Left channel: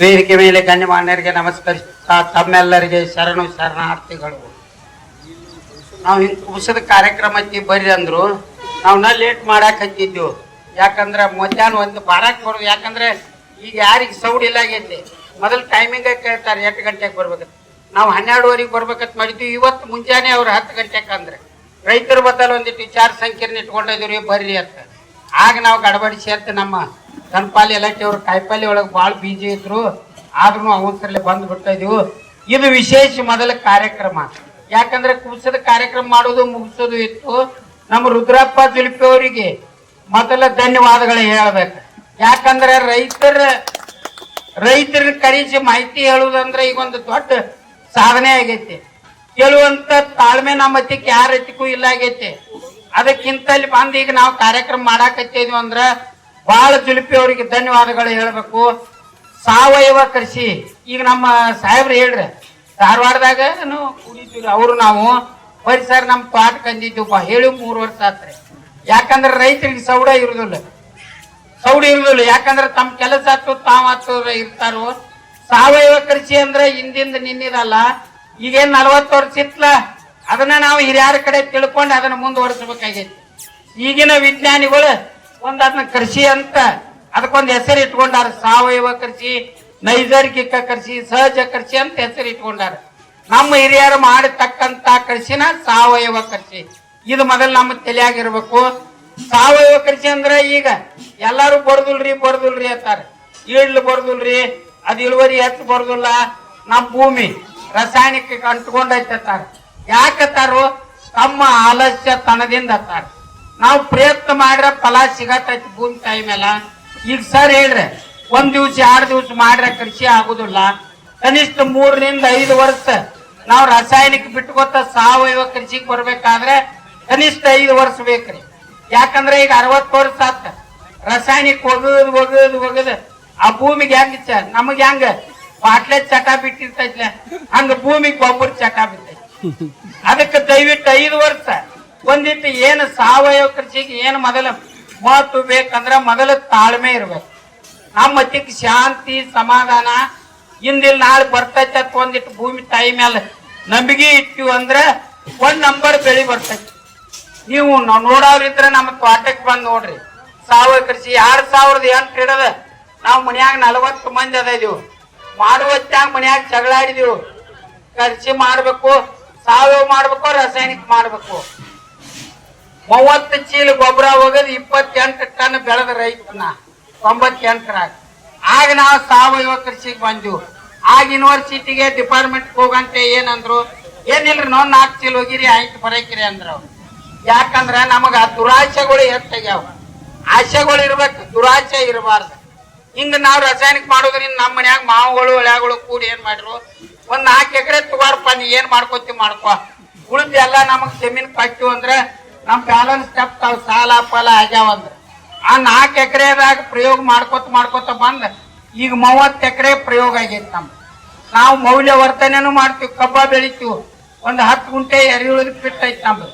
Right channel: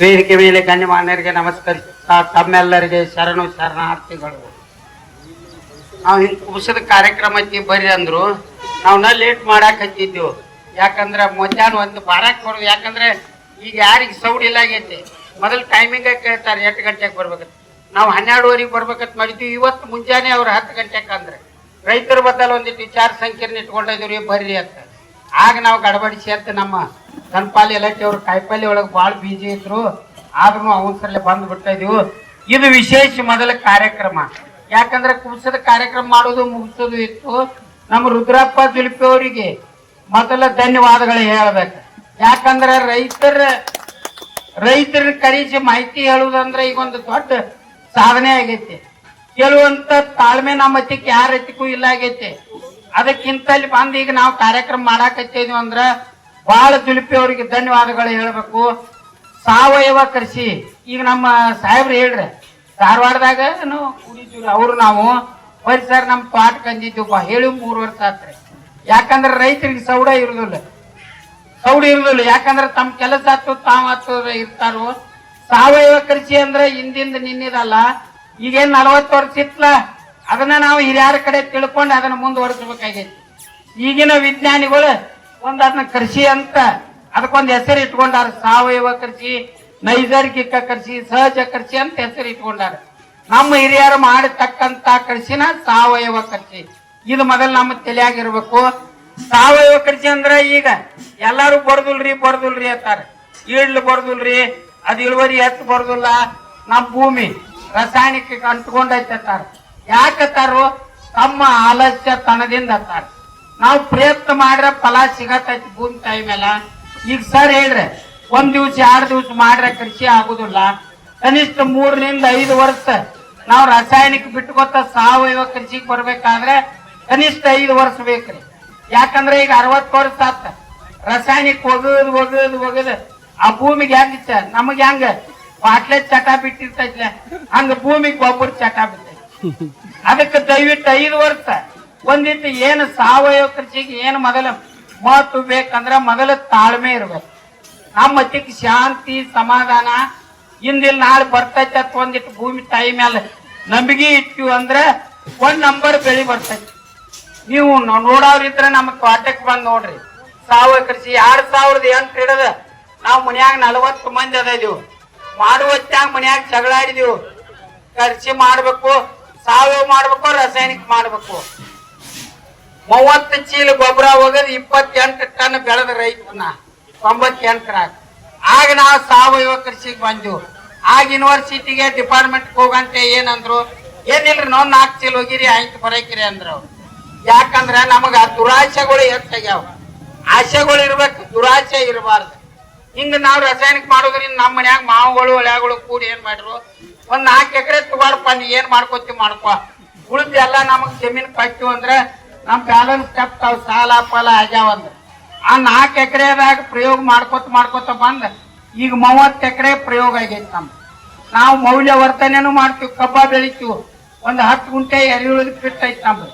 ವೇದಿಕೆ ಮೇಲೆ ಗಣ್ಯಮಾನ್ಯರಿಗೆ ನಮಸ್ಕರಿಸುತ್ತಾ ತಮ್ಮೆಲ್ಲರಿಗೆ ಶರಣು ಶರಣಾರ್ಥಿಗಳು. ನಾವು ಹಿಂಗ್ ಕುಸದ ಕಾರ್ಯಕ್ರಮಕ್ಕೆ ಬರ್ರಿ ಅಂದ್ರು ನಾ ಲೇಟ್ ಮಾಡಾಕ್ ಹಚ್ಚಿದ್ದೆವು ಯಾಕಂದ್ರೆ ಮಧ್ಯಾಹ್ನ ಒಂದು ಬಾರಕ್ ಬರೋದು. ಯಾಕಂದ್ರೆ ಈಗ ಯಾರಿಗೆ ಸೌಡ್ ಇಲ್ಲ ಆಗೈತಿ. ಮೊದಲು ಟೈಮಿಂಗ್ ಕೇಳ್ತಾರೆ, ಎಂಟು ಗಂಟೆಗೆ ಬರ್ಬೇಕು. ನಾವು ಹನ್ನೆರಡುವರೆಗೆ ಬರ್ಬೇಕಂತ ಮಾಡಿದ್ವಿ. ಇವತ್ತು ಮುಂಜಾನೆ ಅವ್ರು ಹತ್ತು ಗಂಟೆಗೆ ಅಂದ್ರೆ ರೈತರ ಬದಲು ಒಂದಿಟ್ಟು ವಿಚಾರ ಸಂಕೀರ್ಣ ಇಟ್ಕೊಂಡಿದ್ರಿ ಬರ್ರಿ ಅಂತ. ಆಗ ನಾವು ಗಡಬಡಿ ಅಂತ ನಮ್ಮ ಕನ್ಪಾಲಿ ಇಲಾಖೆ ಅವ್ರ ಕಾಯಿಪಲ್ಲೆ ಒಳಗೆ ಭಾಳ ಬೀಜಿ ಇದ್ರು. ಆದ್ರೂ ಅವಸರಲ್ಲೇ ಬಂದು ಬಿಡ್ತಾ ಇದೀವು. ಇದು ವಿಶೇಷ ಮೊದಲ ಕಾರ್ಯಕ್ರಮ. ಯಾಕಂದ್ರೆ ಕುಸದ ಕಾರ್ಯಕ್ರಮ ಮಾಡೋದು ಮುಗಿಸೋದು ಇತ್ತು. ನಮ್ಮ ರುದ್ರಪ್ಪ ಜುಲ್ಪಿ ಅವರಿಗೆ ಮೊದಲ ಧನ್ಯವಾದಗಳು ಹೇಳ್ಬೇಕು. ಯಾಕಂದ್ರೆ ರೈತರ ರೈತರ ಕರೆಸಿ ಮಾಹಿತಿ ಹೇಳುದಂದ್ರೆ ಈಗ ಒಂದು ದೊಡ್ಡ ಸಾಧನೆ ಆಗೈತಿ. ಕೆಲವಂತ ತಾಳ್ಮೆ ನಮ್ಮ ಹತ್ತಿಕ್ ಯಾರ ಹತ್ತಿಕ್ಕೂ ಇಲ್ಲ ಆಗೈತಿ. ಅದಕ್ಕಿಂತ ಇಲ್ಲಿ ಬಂದ್ ಈಗ ನಾವು ಕಾರ್ಯಕ್ರಮ ಮಾಡಾಕತ್ತಿದ್ವಿ ಅಂದ್ರ ಬಹಳ ಜುಲುಪಿ ಅವರಿಗೆ ಧನ್ಯವಾದಗಳು ಹೇಳ್ಬೇಕು. ಸಾವಯವ ಕೃಷಿ. ಈಗ ನಮ್ಮ ಸಾಹೇಬ್ರು ಹೇಳ್ರಿ, ಧಾರವಾಡದಾಗ ಅವರು ನಾವು ಪರಿಸರ ಸರ್ ನಮ್ ಪಾಠ ಕಂದಿದ್ದೀವಿ ಹೇಳಿ ಮೂರು ವರ್ಷ ಆತ್ರಿ. ಯಾಕಂದ್ರೆ ರೈತರಿಗೆ ಸೌಡ ಇರುದಿಲ್ಲ. ಸೌಡ ಇರುದಿಲ್ಲ. ಯಾಕಂದ್ರೆ ತಮ್ಮ ಕೆಲಸ ಆತು, ತಾವ್ ಆತು ಇರ್ತಾರೋ. ಸಾವಯವ ಕೃಷಿ ಅಂದ್ರೆ ಹಿಂದಿಂದ ನಿನ್ನಿದಲ್ಲ. ಈಗೇನ್ ನಲವತ್ತು ವರ್ಷ ಇತ್ತಲ್ಲ ಅದನ್ನ ನಾವು ಹಿರಿಯರ ಕಡೆ ತಿಳ್ಕೊಂಡು ಅದನ್ನ ಮುಂದುವರಿಸಬೇಕಾಗೈತಿ. ಈಗಿನ ವಿಜ್ಞಾನಿಗಳು ಒಂದ್ ಅದನ್ನ ಕೃಷಿ ಅಂತ ಅದಕ್ಕೊಂದು ಹೆಸರು ಇಟ್ಕೊಂಡಾರ. ಸಾವಯವ ಕೃಷಿ ನೈಸರ್ಗಿಕ ಕೃಷಿ ಸಹಜ ಕೃಷಿ ಅಂತ ಹೆಸರು ಇಟ್ಕೊಂಡಾರ. ನಮ್ಮ ಹಿರಿಯರು ಮಾಡತಕ್ಕಂತ ಕೃಷಿನ ಸಾವಯವ ಕೃಷಿ ಇದು ಮೊದಲು ನಮ್ಮ ತಲೆಯಾಗಿರ್ಬೇಕು. ಸಾವಯವ ಕೃಷಿ ಅಂದ್ರೆ ಈಗ ಎಲ್ಲಾರು ಬರ್ದುಲ್ರಿ ಬರ್ದುಲ್ರಿ ಅಂತಾರೆ. ಈಡ್ಲು ಬರ್ದುಲ್ರಿ, ಅದ್ ಇಳುವರಿ ಹೆಚ್ಚು ಬರ್ದುಲ್ಲ? ನಮ್ಮ ಭೂಮಿ. ರಾಸಾಯನಿಕ ಅಂಟ್ಕೊಂಡೈತಾರ ಯಾಕತ್ತಾರು ತಮ್ಮ ಆಲಸ್ಯ ತನದಿಂದ ಅತ್ತಾರ ನಾವು ಪ್ರಯತ್ನ ಮಾಡ್ರ ಫಲ ಸಿಗತೈತಿ ಭೂಮಿ ತಾಯಿ ಮೇಲೆ ಈಗ ಸರ್ ಹೇಳ್ರಿ, ಒಂದ್ ದಿವ್ಸ, ಎರಡು ದಿವ್ಸ ಮಾಡ್ರೆ ಕೃಷಿ ಆಗುದಿಲ್ಲ. ಕನಿಷ್ಠ ಮೂರರಿಂದ ಐದು ವರ್ಷ ನಾವು ರಾಸಾಯನಿಕ ಬಿಟ್ಕೊತ ಸಾವಯವ ಕೃಷಿಗೆ ಬರ್ಬೇಕಾದ್ರೆ ಕನಿಷ್ಠ ಐದು ವರ್ಷ ಬೇಕ್ರಿ. ಯಾಕಂದ್ರೆ ಈಗ ಅರವತ್ತು ವರ್ಷ ಆತ. ರಾಸಾಯನಿಕ ಒಗದ್ ಒಗದ್ ಒಗದ್ ಆ ಭೂಮಿಗೆ ಹೆಂಗ ನಮಗ್ ಹೆಂಗ? ಬಾಟ್ಲೆ ಚಟ ಬಿಟ್ಟಿರ್ತೈತ್ಲೆ ಹಂಗ ಭೂಮಿಗೆ ಗೊಬ್ಬರ ಚಟ ಬಿಟ್ಟೈತಿ. ಅದಕ್ಕೆ ದಯವಿಟ್ಟು ಐದು ವರ್ಷ, ಒಂದಿಟ್ಟು ಏನು ಸಾವಯವ ಕೃಷಿಗೆ ಏನು ಮೊದಲ ಮಾತು ಬೇಕಂದ್ರೆ ಮೊದಲ ತಾಳ್ಮೆ ಇರ್ಬೇಕು. ಆ ಮತ್ತಿಗೆ ಶಾಂತಿ, ಸಮಾಧಾನ ಇಂದಿಲ್ ನಾಳೆ ಬರ್ತೈತೆ ಒಂದಿಟ್ಟು ಭೂಮಿ ತಾಯಿ ಮೇಲೆ ನಂಬಿಕೆ ಇಟ್ಟಿವಿ ಅಂದ್ರೆ ಒಂದ್ ನಂಬರ್ ಬೆಳಿ ಬರ್ತೈತಿ. ನೀವು ನೋಡೋರಿದ್ರೆ ನಮ್ಮ ತೋಟಕ್ಕೆ ಬಂದ್ ನೋಡ್ರಿ. ಸಾವಯವ ಕೃಷಿ ಎರಡ್ ಸಾವಿರದ ಎಂಟು ಹಿಡದ ನಾವು ಮನ್ಯಾಗ ನಲವತ್ತು ಮಂದಿ ಅದ ಇದೀವಿ. ಮಾಡುವತ್ತಾಗ ಮನ್ಯಾಗ ಜಗಳಾಡಿದೀವಿ. ಕೃಷಿ ಮಾಡ್ಬೇಕು, ಸಾವಯವ ಮಾಡ್ಬೇಕು, ರಾಸಾಯನಿಕ ಮಾಡ್ಬೇಕು. ಮೂವತ್ತು ಚೀಲ ಗೊಬ್ಬರ ಹೋಗೋದು ಇಪ್ಪತ್ತೆಂಟು ಟನ್ ಬೆಳೆದ ರೈತನ ತೊಂಬತ್ತೆಂಟರಾಗ ಆಗ ನಾವು ಸಾವಯವ ಕೃಷಿಗೆ ಬಂದೆವು. ಆಗ ಯೂನಿವರ್ಸಿಟಿಗೆ ಡಿಪಾರ್ಟ್ಮೆಂಟ್ ಹೋಗಂತೆ ಏನಂದ್ರು, ಏನಿಲ್ರಿ ನಾವು ನಾಲ್ಕು ಚೀಲ ಹೋಗಿರಿ ಆಯ್ತು ಬರಕಿರಿ ಅಂದ್ರ. ಯಾಕಂದ್ರ ನಮಗ ದುರಾಶೆಗಳು ಹೆಚ್ಚಾಗ್ಯಾವ. ಆಶೆಗಳು ಇರ್ಬೇಕು, ದುರಾಶೆ ಇರಬಾರ್ದು. ಹಿಂಗ ನಾವು ರಾಸಾಯನಿಕ ಮಾಡೋದ್ರಿಂದ ನಮ್ಮ ಮನ್ಯಾಗ ಮಾವುಗಳು ಒಳ್ಯಾಗಳು ಕೂಡಿ ಏನ್ ಮಾಡಿರು ಒಂದ್ ನಾಲ್ಕು ಎಕರೆ ತುಗಾರಪ್ಪ ನೀ ಏನ್ ಮಾಡ್ಕೋತಿ ಮಾಡ್ಕೋ. ಉಳಿದ ಎಲ್ಲ ನಮಗ್ ಜಮೀನ್ ಕಟ್ಟು ಅಂದ್ರೆ ನಮ್ ಬ್ಯಾಲೆನ್ಸ್ ತಾವ್ ಸಾಲ ಫಲ ಆಗ್ಯಾವ ಅಂದ್ರ. ಆ ನಾಲ್ಕು ಎಕರೆದಾಗ ಪ್ರಯೋಗ ಮಾಡ್ಕೋತ ಮಾಡ್ಕೋತ ಬಂದ್. ಈಗ ಮೂವತ್ತು ಎಕರೆ ಪ್ರಯೋಗ ಆಗೈತಿ ನಮ್ ನಾವು ಮೌಲ್ಯವರ್ಧನೆನು ಮಾಡ್ತೀವಿ, ಕಬ್ಬ ಬೆಳಿತೀವಿ. ಒಂದ್ ಹತ್ತು ಗುಂಟೆ ಎರೆಹುಳದ ಫಿಟ್ ಐತಿ ನಮ್ದು.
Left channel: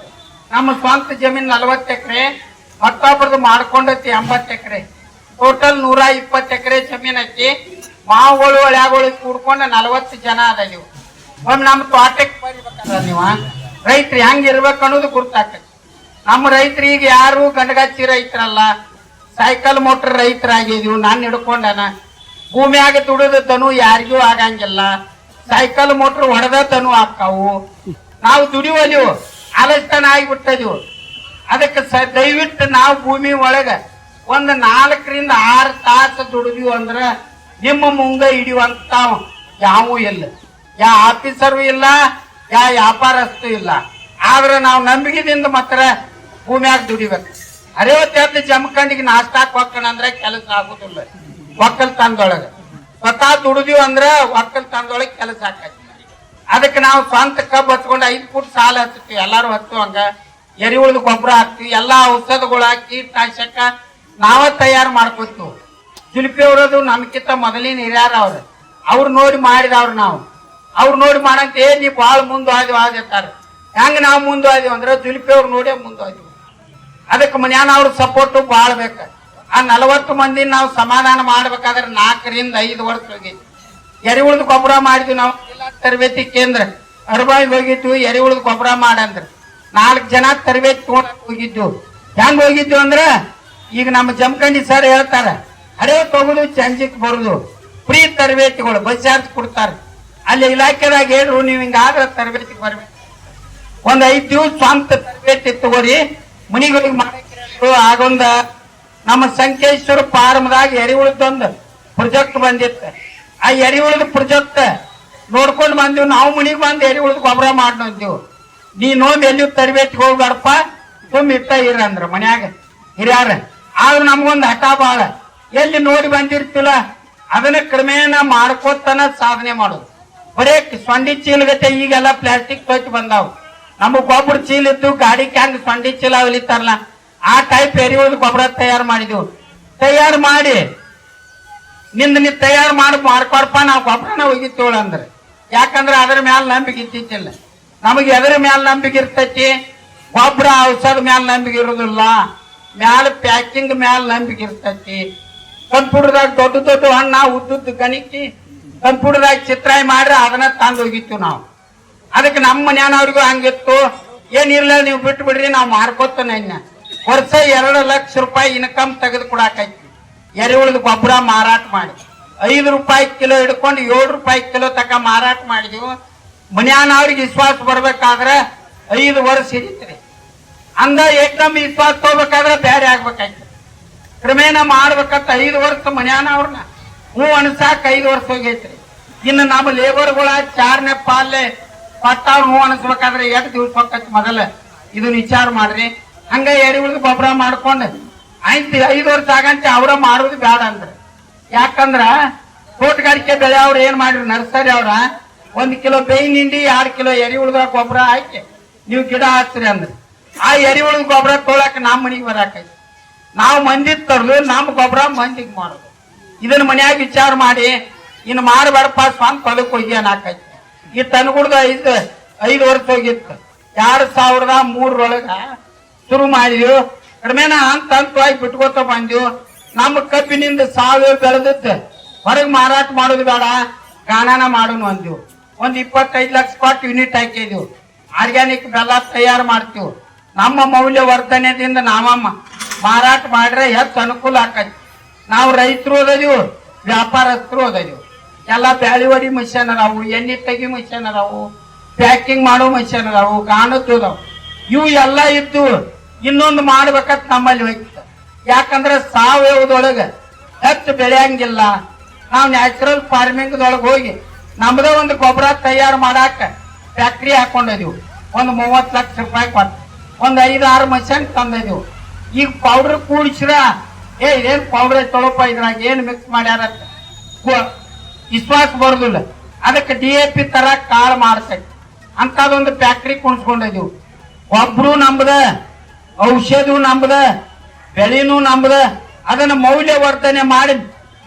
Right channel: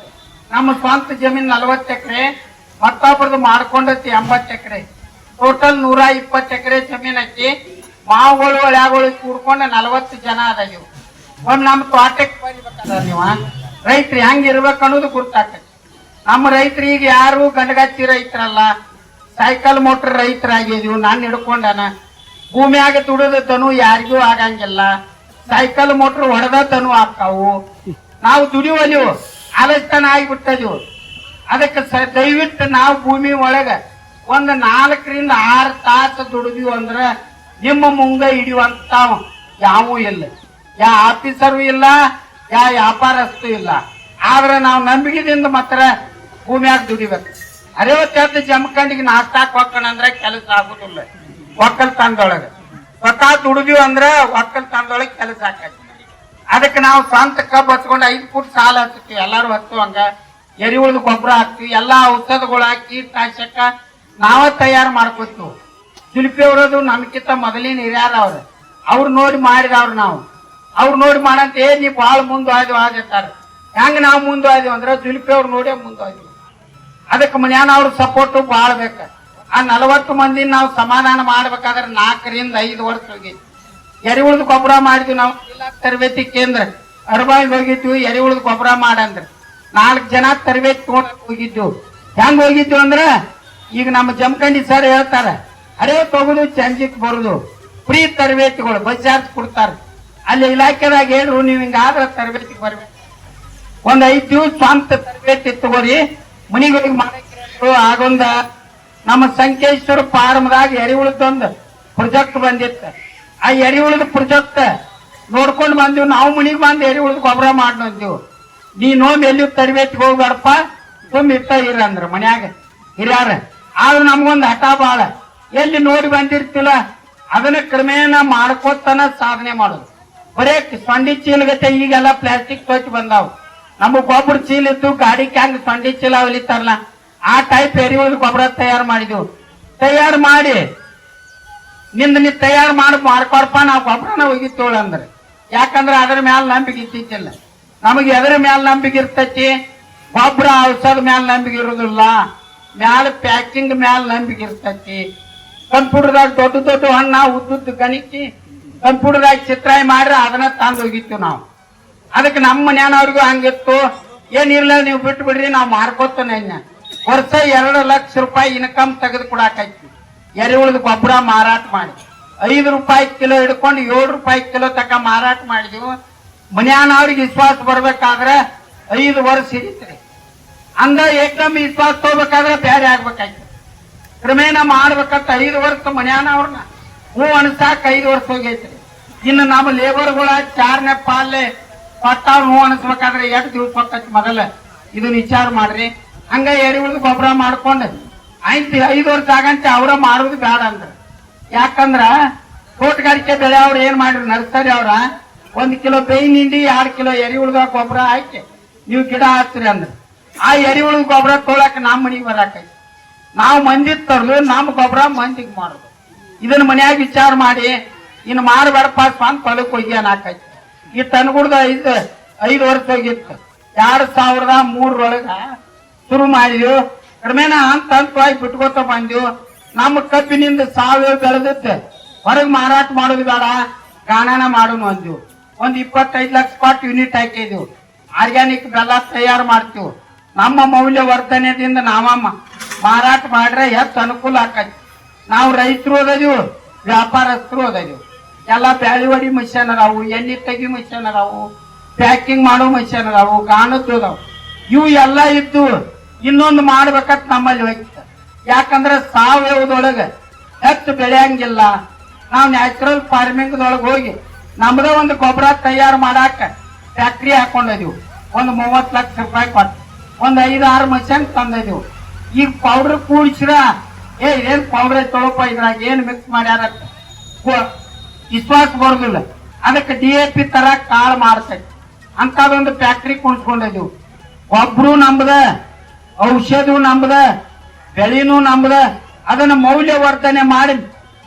ನಮ್ಮ ಸ್ವಂತ ಜಮೀನ್ ನಲವತ್ತು ಎಕರೆ ಮತ್ತೊಬ್ಬರದು ಮಾಡ್ಕೊಂಡೈತಿ ಎಂಬತ್ತು ಎಕರೆ. ಟೋಟಲ್ ನೂರ ಇಪ್ಪತ್ತು ಎಕರೆ ಜಮೀನ್ ಐತಿ. ಮಾವುಗಳು, ಹಳ್ಯಾಗಳು ಕೂಡ್ಕೊಂಡು ನಲವತ್ತು ಜನ ಅದ ನೀವು. ಒಂದ್ ನಮ್ಮ ತೋಟಕ್ಕೆ ಬರಿಬೇಕಲ್ಲ ನೀವು? ರೈತರು ಹೆಂಗ್ ಇರ್ಬೇಕು ಅನ್ನೋದು ಗುರ್ತಾಕತಿ ನಮ್ಮ ರೈತರು ಈಗ ಯಾರು ಗಂಡಗಚ್ಚಿ ರೈತರಲ್ಲ. ಸೈಕಲ್ ಮೋಟರ್ ರೈತರಾಗಿದೀವಿ, ನಾನು ಹಿಡ್ಕೊಂಡನ. ಭೂಮಿಯಾಗ ದುಡಿದ ತನು ಯಾರಿಗೂ ಆಗಂಗಿಲ್ಲ. ಸೈಕಲ್ ಮೋಟರ್ ಹೊಡೆದ ತನು ಆಕಾವು ನಾವು ದುಡಿಯುವಲ್ಲಿವು ಆಲಸ್ತಾನ ಆಗಿಬಿಟ್ಟದಿವು. ಅದಕ್ಕೆ ದಯವಿಟ್ಟು ನಾವು ಭೂಮಿ ಒಳಗ ಒಂದು ನಾಲ್ಕರಿಂದ ಆರು ತಾಸು ದುಡಿದ್ವಿ ಅಂದ್ರ ನಿಮ್ಮ ಮುಂಗ ಹಿಡಿಯುವಂತ ಯಾವೂ ಇಲ್ಲ. ಯಾ ಆಫೀಸರು ಇಲ್ಲ, ಯಾ ವ್ಯಾಪಾರಸ್ಥು ಇಲ್ಲ. ಆದ್ರೆ ನಾವು ನಂಬಿಕೆದಿಂದ ಮಾತ್ರ ಭೂಮಿಯಾಗ ದುಡಿಬೇಕು. ಅರವತ್ತೆಂಟು ಜಮಖಂಡಿಗೆ ನಾಷ್ಟಾ ಕೊಕ್ಕಣ ಅಂದ್ರೆ ಕೆಲಸ ಆಗುದಿಲ್ಲ. ಒಕ್ಕಲ್ತನದೊಳಗ ಸ್ವತಃ ದುಡಿದಿವಿ ಅಂದ್ರೆ ಒಕ್ಕಲ್ತನದೊಳಗೆ ಕೆಲಸ ಆಕೈತಿ. ಅದಕ್ಕೆ ನಾವು ಸ್ವಂತ ಕಬ್ಬು ಹಚ್ಕೊಂಡು ಐದು ಫುಟ್ ಸಾಲ ಹಚ್ತೀವಿ ಎಲ್ಲಾರು ಹಚ್ಚುವಂಗ ಎರಿಹುಳದ ಗೊಬ್ಬರ ಹಾಕ್ತಿವಿ. ಎಲ್ಲಾ ಔಷಧಗಳು ಹಾಕಿ ಕೀಟನಾಶಕ ನಾವ ತಯಾರು ಮಾಡ್ಕೊತು ಶಿಲ್ಪಿ ಅವರದು ನಮ್ಕಿಂತ ಮೊದಲಿನ ಹಿರಿಯಾರ ಅವ್ರ. ಅವ್ರು ನೋಡಿ ಮಾಡಿದವ್ರು ನಾವು. ಅವ್ರು ನೋಡಿ ಮಾಡಂತ ಏ ನೀವು ಬಹಳ ಮುಂದುವಾದ್ವಿ ಆದಿರ್ತಾರ ಹೆಂಗ ನಾವು ಮುಂದುವಾದ್ವಿ ಅಂದ್ರೆ ದಿಲ್ಪಿ ಅವ್ರು ನೋಡಿ ಮುಂದುವಾದ್ವಿ ಅದಕ್ಕೆ ಮನ್ಯಾನ ಅವ್ರ ಸಪೋರ್ಟ್ ಭಾಳ ಬೇಕ. ಆ ನಲವತ್ತು ಮಂದಿ ನಾವು ಸಮಾಧಾನ ಮಾಡ್ಬೇಕಾದ್ರೆ ನಾಲ್ಕರಿಂದ ಐದು ವರ್ಷ ಹೋಗಿ. ಎರಿಹುಳದ ಗೊಬ್ಬರ ಮಾಡಿದ್ವಿ ನಾವು. ಜಿಲ್ಲಾ ತರಬೇತಿ ಕೇಂದ್ರ. ಅರಬಾಯಿ ಹೋಗಿದ್ವಿ ಎರಿಹುಳದ ಗೊಬ್ಬರ ಮಾಡಂದ್ರೆ. ನಾಲ್ಕು ಜನ ತರಬೇತಿ ತಗೊಳಕ್ ಹೋಗಿದ್ವು. ಹೆಂಗ್ ಹೋಗಿದ್ವಿ ಅಂದ್ರ ಈಗ ನಮ್ಮ ಜಮಖಂಡಿ ಸರ್ ಹೇಳ್ತಾರ, ಅರೆ ತಗೋದು ಚಂಜಿಕ್ ಬರುದು. ಫ್ರೀ ತರಬೇತಿಗಳು, ಬಸ್ ಚಾರ್ಜ್ ಕೊಡ್ತಾರ. ಅಲ್ಲಿ ಇಲಾಖೆದಾಗ ಹೇಳ್ರು, ನೀವು ಹಿಂಗಾದ್ರ ತರಬೇತಿ ಬರ್ಬೇಕು ಒಂದ್ ಐದ್ ದಿವಸ ಸ್ವಂತ ತರಬೇತಿ ತಗೋರಿ. ಮನಿಗಳಿಗೆ ಮಾಡಕ್ಕೆ ಆಗೊಂದ ನಮ್ಮ ಸಂಕೇಶ್ವರ ಫಾರ್ಮ್ದಾಗ ಎರಿಹುಳದೊಂದು ಪ್ರೊಜೆಕ್ಟ್ ಬಂದಿತ್ತು. ಆ ಎರಿಹುಳದ ಪ್ರೊಜೆಕ್ಟ್ ನೋಡ್ಕೊಂಡು ಬಂದಿವ್. ನಾವು ಮನಿಗೆ ಬಂದು ಎರಿಹುಳದ ಗೊಬ್ಬರ ಮಾಡ್ನಂತೀವಿ ನೀ ನೋಂದ್ ಎಲ್ಲಿ ತರಬೇತಿ ಹೋಗ್ಬೇಡಪ್ಪ ತುಂಬ ಇಟ್ಟ ಇರ ಅಂದ್ರ ಮನ್ಯಾಗ. ಹಿರಿಯಾರ. ಆದ್ರೆ ನಮ್ಗೊಂದು ಹಠ ಬಾಳ. ಎಲ್ಲಿ ನೋಡಿ ಬಂದಿರ್ತಿಲ್ಲ, ಅದನ್ನ ಕ್ರಮೇಣ ಮಾಡ್ಕೋತಾನ ಸಾಧನೆ ಮಾಡೋದು. ಬರೇ ಸೊಂಡಿ ಚೀಲಗತ್ತೆ ಈಗೆಲ್ಲ ಪ್ಲಾಸ್ಟಿಕ್ ತೋಚ್ ಬಂದಾವ್. ನಮ್ಮ ಗೊಬ್ಬರ ಚೀಲ ಇತ್ತು ಗಾಡಿ ಕ್ಯಾಂಗ್ ಸೊಂಡಿ ಚೀಲ ಹೊಲಿತಾರಲ್ಲ, ಆ ಟೈಪ್ ಒಂದು ಗೊಬ್ಬರ ತಯಾರು ಮಾಡಿದ್ವು. ತಯಾರು ಮಾಡಿ, ನಿಂದ ನೀ ತಯಾರು ಮಾಡಿ ಮಾಡ್ಕೊಡ್ಪ, ನಾವು ಗೊಬ್ಬರನ ಒಗಿತೇಳ ಅಂದ್ರೆ. ಯಾಕಂದ್ರೆ ಅದ್ರ ಮ್ಯಾಲ ನಂಬಿಕೆ ಇತ್ತಿಲ್ಲ ನಮಗೆ ಎದ್ರ ಮ್ಯಾಲ ನಂಬಿಕೆ ಇರ್ತೈತಿ? ಗೊಬ್ಬರ ಔಷಧ ಮ್ಯಾಲ ನಂಬಿಕೆ ಇರುದಿಲ್ಲ. ಮ್ಯಾಲ ಪ್ಯಾಕಿಂಗ್ ಮ್ಯಾಲ ನಂಬಿಕೆ ಇರ್ತೈತಿ. ಕಂಪ್ಯೂಟರ್ದಾಗ ದೊಡ್ಡ ದೊಡ್ಡ ಹಣ್ಣ, ಉದ್ದುದ್ದು ಗಣಿಕಿ, ಕಂಪ್ಯೂಟರ್ದಾಗ ಚಿತ್ರಾಯಿ ಮಾಡ್ರೆ ಅದನ್ನ ತಂದು ಹೋಗಿತ್ತು ನಾವು. ಅದಕ್ಕೆ ನಮ್ಮ ಮನ್ಯಾನವ್ರಿಗೂ ಹಂಗಿತ್ತು. ಏನಿರ್ಲ ನೀವು ಬಿಟ್ಟು ಬಿಡ್ರಿ ನಾವು ಮಾರ್ಕೋತಾನೆ ವರ್ಷ ಎರಡು ಲಕ್ಷ ರೂಪಾಯಿ ಇನ್ಕಮ್ ತೆಗೆದು ಕೊಡಾಕೈತಿ. ಎರೆಹುಳದ ಗೊಬ್ಬರ ಮಾರಾಟ ಮಾಡಿ. ಐದು ರೂಪಾಯಿ ಕಿಲೋ ಹಿಡ್ಕೊಂಡು ಏಳು ರೂಪಾಯಿ ಕಿಲೋ ತಕ ಮಾರಾಟ ಮಾಡಿದ್ವು. ಮನ್ಯಾನವ್ರಿಗೆ ವಿಶ್ವಾಸ ಬರ್ಬೇಕಾದ್ರೆ ಐದು ವರ್ಷ ಹಿಡಿತ್ರಿ ಅಂದ ಏಕದಮ್ ವಿಶ್ವಾಸ ತಗೋಬೇಕಾದ್ರೆ ಬೇರೆ ಆಗ್ಬೇಕಾಗಿತ್ತು ಕ್ರಮೇಣ ಮಾಡ್ಬೇಕಂತ ಐದು ವರ್ಷ ಮನ್ಯಾನವ್ರನ್ನ ಹೂ ಅನ್ಸಾಕ ಐದು ವರ್ಷ ಹೋಗೈತ್ರಿ. ಇನ್ನು ನಮ್ಮ ಲೇಬರ್ಗಳ ಚಾರನೇ ಪಾಲೆ ಪಟ್ಟವ್ರ ಹೂ ಅನ್ಸ್ಬೇಕಾದ್ರೆ ಎಷ್ಟು ದಿವಸ ಹೋಗ್ತೈತಿ ಮೊದಲ? ಇದನ್ನ ವಿಚಾರ ಮಾಡ್ರಿ. ಹಂಗ ಎರಿಹುಳದ ಗೊಬ್ಬರ ಮಾಡ್ಕೊಂಡು ಆಯ್ತು, ಐದು ವರ್ಷ ಆಗಂತೆ ಅವ್ರ ಮಾಡೋದು ಬೇಡ ಅಂದ್ರ. ಯಾಕಂದ್ರ ತೋಟಗಾರಿಕೆ ಬೆಳೆ ಅವ್ರು ಏನ್ ಮಾಡ್ರಿ ನರ್ಸರಿ ಅವ್ರ? ಒಂದ್ ಕಿಲೋ ಬೇವಿನ ಹಿಂಡಿ, ಎರಡು ಕಿಲೋ ಎರಿಹುಳದ ಗೊಬ್ಬರ ಹಾಕಿ ನೀವು ಗಿಡ ಹಾಕ್ತೀರಿ ಅಂದ್ರ. ಆ ಎರಿಹುಳದ ಗೊಬ್ಬರ ತೊಳಕ್ ನಮ್ಮ ಮನಿಗೆ ಬರಾಕೈತಿ. ನಾವು ಮಂದಿ ತರ್ಲು ನಮ್ಮ ಗೊಬ್ಬರ ಮಂದಿಗೆ ಮಾಡೋದು ಇದನ್ನ ಮನ್ಯಾಗ ವಿಚಾರ ಮಾಡಿ, ಇನ್ನು ಮಾಡಬೇಡಪ್ಪ ಸ್ವಂತ ಹೊಲಕ್ಕೆ ಹೋಗಿ ಅನ್ನಾಕೈತಿ. ಈ ತನ್ಗುಡ್ದ ಐದು ಐದು ವರ್ಷ ಹೋಗಿತ್ತು. ಎರಡ್ ಸಾವಿರದ ಮೂರರೊಳಗ ಶುರು ಮಾಡಿದ್ವು. ಕಡಿಮೆನ ಅಂತ ಹಂತವಾಗಿ ಬಿಟ್ಕೋತ ಬಂದ್ವು. ನಮ್ಮ ಕಬ್ಬಿನಿಂದ ಸಾವಿರ ಬೆಳೆದಿತ್ತು. ಹೊರಗೆ ಮಾರಾಟ ಮಾಡೋದು ಬೇಡ, ಗಾಣನ ಮಾಡೋಣ ಅಂದ್ವು. ಒಂದ್ ಇಪ್ಪತ್ತೈದು ಲಕ್ಷ ಕೊಟ್ಟು ಯೂನಿಟ್ ಹಾಕಿದ್ವು. ಆರ್ಗ್ಯಾನಿಕ್ ಬೆಲ್ಲ ತಯಾರು ಮಾಡ್ತೀವಿ. ನಮ್ಮ ಮೌಲ್ಯವರ್ಧನೆದಿಂದ ನಾವ ಮ- ಮಾರಾಟ ಮಾಡ್ರೆ ಹೆಚ್ಚು ಅನುಕೂಲ ಆಕತಿ. ನಾವು ರೈತರು ಓದದಿವು ವ್ಯಾಪಾರಸ್ಥರು ಓದದಿವು ಎಲ್ಲ ಬ್ಯಾಳಿ ಹೊಡಿ ಮಿಷನ್ ಅದಾವು, ಎಣ್ಣೆ ತೆಗಿ ಮಿಷನ್ ಅದಾವು ಪ್ಯಾಕಿಂಗ್ ಮಾಡೋ ಮಿಷನ್ ಅದಾವು ಗಾಣದ್ದು ಅದಾವು ಇವು ಎಲ್ಲ ಇದ್ದು ಇನ್ನೊಂದು ಮಾಡ್ಬೇಕಂತ ನಮ್ಮಲ್ಲಿ ಹೋಯ್ತು ಯಾಕಂದ್ರೆ ಸಾವಯವದೊಳಗೆ ಹೆಚ್ಚು ಬೆಳೆಯಂಗಿಲ್ಲ. ನಾವು ನ್ಯಾಚುರಲ್ ಫಾರ್ಮಿಂಗ್ ದೊಳಗೆ ಹೋಗಿ ನಮ್ಮದೇ ಒಂದು ಗೊಬ್ಬರ ತಯಾರು ಮಾಡಾಕ ಫ್ಯಾಕ್ಟ್ರಿ ಹಾಕೊಂಡಿದೀವಿ ಒಂದು ಮೂವತ್ತು ಲಕ್ಷ ರೂಪಾಯಿ ಕೊಟ್ಟು. ಒಂದ್ ಐದು ಆರು ಮಷನ್ ತಂದಿದೀವಿ. ಈಗ ಪೌಡರ್ ಕೂಡಿಸ್ರ, ಏ, ಏನ್ ಪೌಡರ್ ತೊಳಪ ಇದ್ರಾಗ, ಏನ್ ಮಿಕ್ಸ್ ಮಾಡ್ಯಾರ ಇಸ್ವಾಕ್ ಬರೋದಿಲ್ಲ. ಅದಕ್ಕೆ ಡಿ ಎ ಪಿ ತರ ಕಾಳು ಮಾಡ್ಸಕ್. ಅಂತದೊಂದು ಫ್ಯಾಕ್ಟ್ರಿ ಕುಣಿಸ್ಕೊಂಡಿದೀವಿ ಒಬ್ರು ನಂಬದ ಔಷಧ ನಂಬದ, ಬೆಳೆನೂ ನಂಬದ, ಅದನ್ನ ಮೌಲ್ಯವರ್ಧನೆ ಮಾಡಿ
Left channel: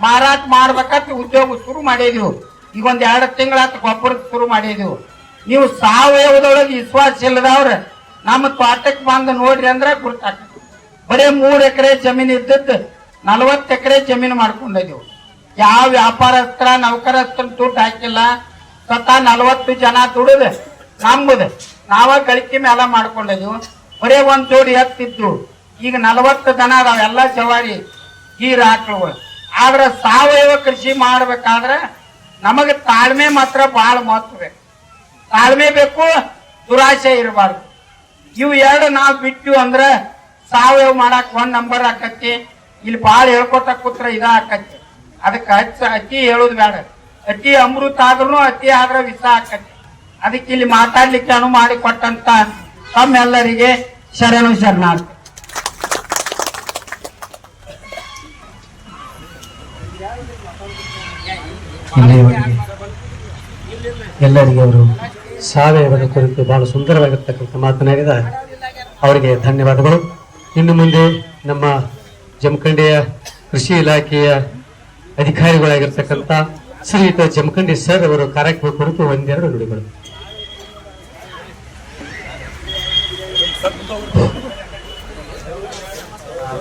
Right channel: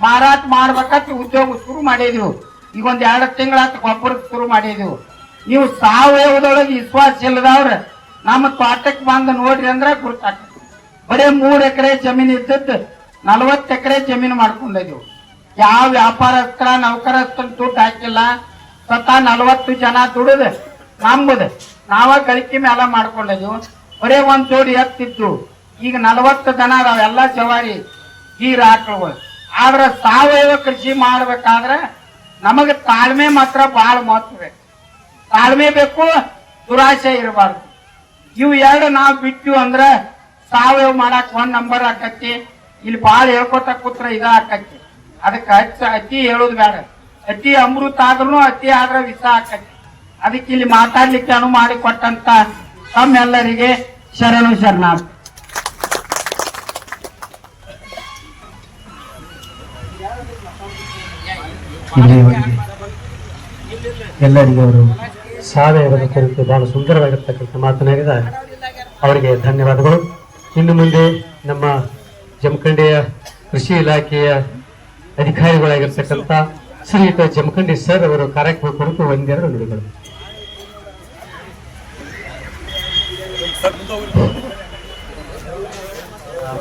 ಮಾರಾಟ ಮಾಡ್ಬೇಕಂತ ಉದ್ಯೋಗ ಶುರು ಮಾಡಿದ್ವು. ಈಗ ಒಂದ್ ಎರಡು ತಿಂಗಳ ಗೊಬ್ಬರ ಶುರು ಮಾಡಿದ್ವು. ನೀವು ಸಾವಯವದೊಳಗೆ ವಿಶ್ವಾಸ ಇಲ್ಲದವ್ರ ನಮ್ಮ ತೋಟಕ್ ಬಂದು ನೋಡ್ರಿ ಅಂದ್ರೆ ಗುರ್ತಾಗ್ತದೆ. ಬರೀ ಮೂರ್ ಎಕರೆ ಜಮೀನ್ ಇದ್ದದ್ದು ನಲವತ್ತು ಎಕರೆ ಜಮೀನು ಮಾಡ್ಕೊಂಡಿದ್ವಿ. ಯಾವ ವ್ಯಾಪಾರಸ್ತ್ರ ನೌಕರಸ್ತ್ರ ದುಡ್ಡು ಹಾಕಿಲ್ಲ, ಸ್ವತಃ ನಲವತ್ತು ಜನ ದುಡಿದು ನಂಬುದ ನಾವ ಗಳಿಕೆ ಮೇಲೆ ಮಾಡ್ಕೊಂಡಿದ್ವು. ಬರೀ ಒಂದ್ ಜೋಡಿ ಹತ್ತಿದ್ರು ಈಗ ನಲವತ್ತು ಜನ ಅದಾವ, ಎಲ್ಲ ಜವಾರಿ, ಗೀರ್ ಹಾಕುವ. ಆದ್ರೆ ಸಾವಯವ ಕೃಷಿ ಮಾಡ್ಬೇಕಾದ್ರೆ ನಮಗೆ ತಾಳ್ಮೆ ಮಾತ್ರ ಬಹಳ ಮಹತ್ವ ಬೇಕು. ತಾಳ್ಮೆ ಬೇಕು, ದುರಾಸೆ ಇರಬಾರ್ದು. ಇವು ಎರಡು ನಾವು ಬಿಟ್ಟು ಅಂದ್ರ ಸಾವಯವ ಮಾಡಕ್ ಒಂದ್ ನಂಬರ್ ಆಕತಿ ಇಲ್ಲಿ ಬಾಳ ಹೇಳ್ಕೊತ ಕೂತ್ರ ಇದ ಆಕತಿ ಅದಕ್ಕೆ ಹಚ್ಚ ಅತಿ ಹೇಳುದು ಬೇಡ. ಅತಿ ಅಮೃತ ಆದ್ರೂ ಅತಿ ಆದ್ರ ವಿಷ ಆಕತಿ ಅದಕ್ಕೆ ಇಲ್ಲಿ ಮಾತಾಡ್ಲಿಕ್ಕೆ ಅನು ಮಾಡಿ ಕೊಟ್ಟಂತ ತಮ್ಮೆಲ್ಲರಿಗೆ ಶರಣು ಶರಣಾರ್ಥಿ. ಎಲ್ಲರಿಗೆ ಅವರು ಸಾವಯವದ ಕುರಿತು ಬಹಳ ಸುಂದರವಾಗಿರ್ತಕ್ಕಂಥ ಮಾತನಾಡಿದ ಅವರಿಗೆ ಧನ್ಯವಾದಗಳು. ಇನ್ನು ಮುಂದೆ ನಮ್ಮ ಜಮಖಂಡಿಯ ಕೃಷಿ ಇಲಾಖೆಯ ಅಧಿಕಾರಿಗಳಾಗಿರ್ತಕ್ಕಂಥ ಶ್ರೀಯುತ ಜಮಖಂಡಿ ಸರ್ ಅವರು ಕಾರ್ಯಕ್ರಮ ಕುರಿತು ಒಂದೆರಡು ನುಡಿಗಳು.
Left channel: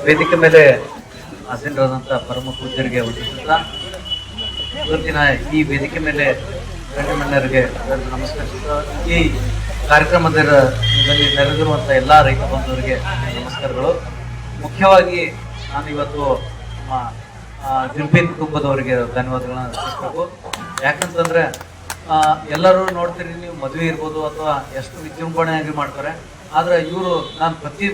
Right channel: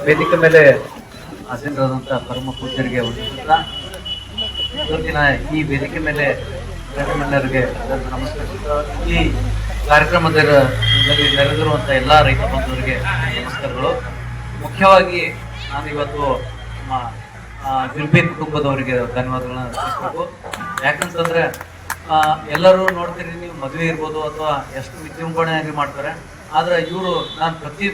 ವೇದಿಕೆ ಮೇಲೆ ಆಸೀನರಾದಂತಹ ಪರಮ ಪೂಜ್ಯರಿಗೆ ವಂದಿಸುತ್ತಾ ಇವತ್ತಿನ ಈ ವೇದಿಕೆ ಮೇಲೆ ಗಣ್ಯರೆಲ್ಲರಿಗೆ ನಮಸ್ಕಾರ ಈ ಕಾರ್ಯಕ್ರಮದಲ್ಲಿ ನೆರೆದಿರುವಂತ ಎಲ್ಲಾ ರೈತ ಬಂಧುವರಿಗೆ ನಮಸ್ಕಾರಗಳು. ಮುಖ್ಯವಾಗಿ ನಾನು ಇವತ್ತು ನಮ್ಮ ಜುಲ್ಪಿ ಕುಟುಂಬದವರಿಗೆ ಧನ್ಯವಾದಗಳನ್ನ ಅರ್ಪಿಸಬೇಕು ಯಾಕಂತಂದ್ರೆ ಎಲ್ಲರೂ ನೋಡ್ತೀರಿ, ನೀವು ಮದುವೆ ಇರ್ಬೋದು ಅಥವಾ ಎಷ್ಟು ವಿಜೃಂಭಣೆಯಾಗಿ ಮಾಡ್ತಾರೆ. ಆದ್ರೆ ಇವರು ನಾನು ಪ್ರತಿ,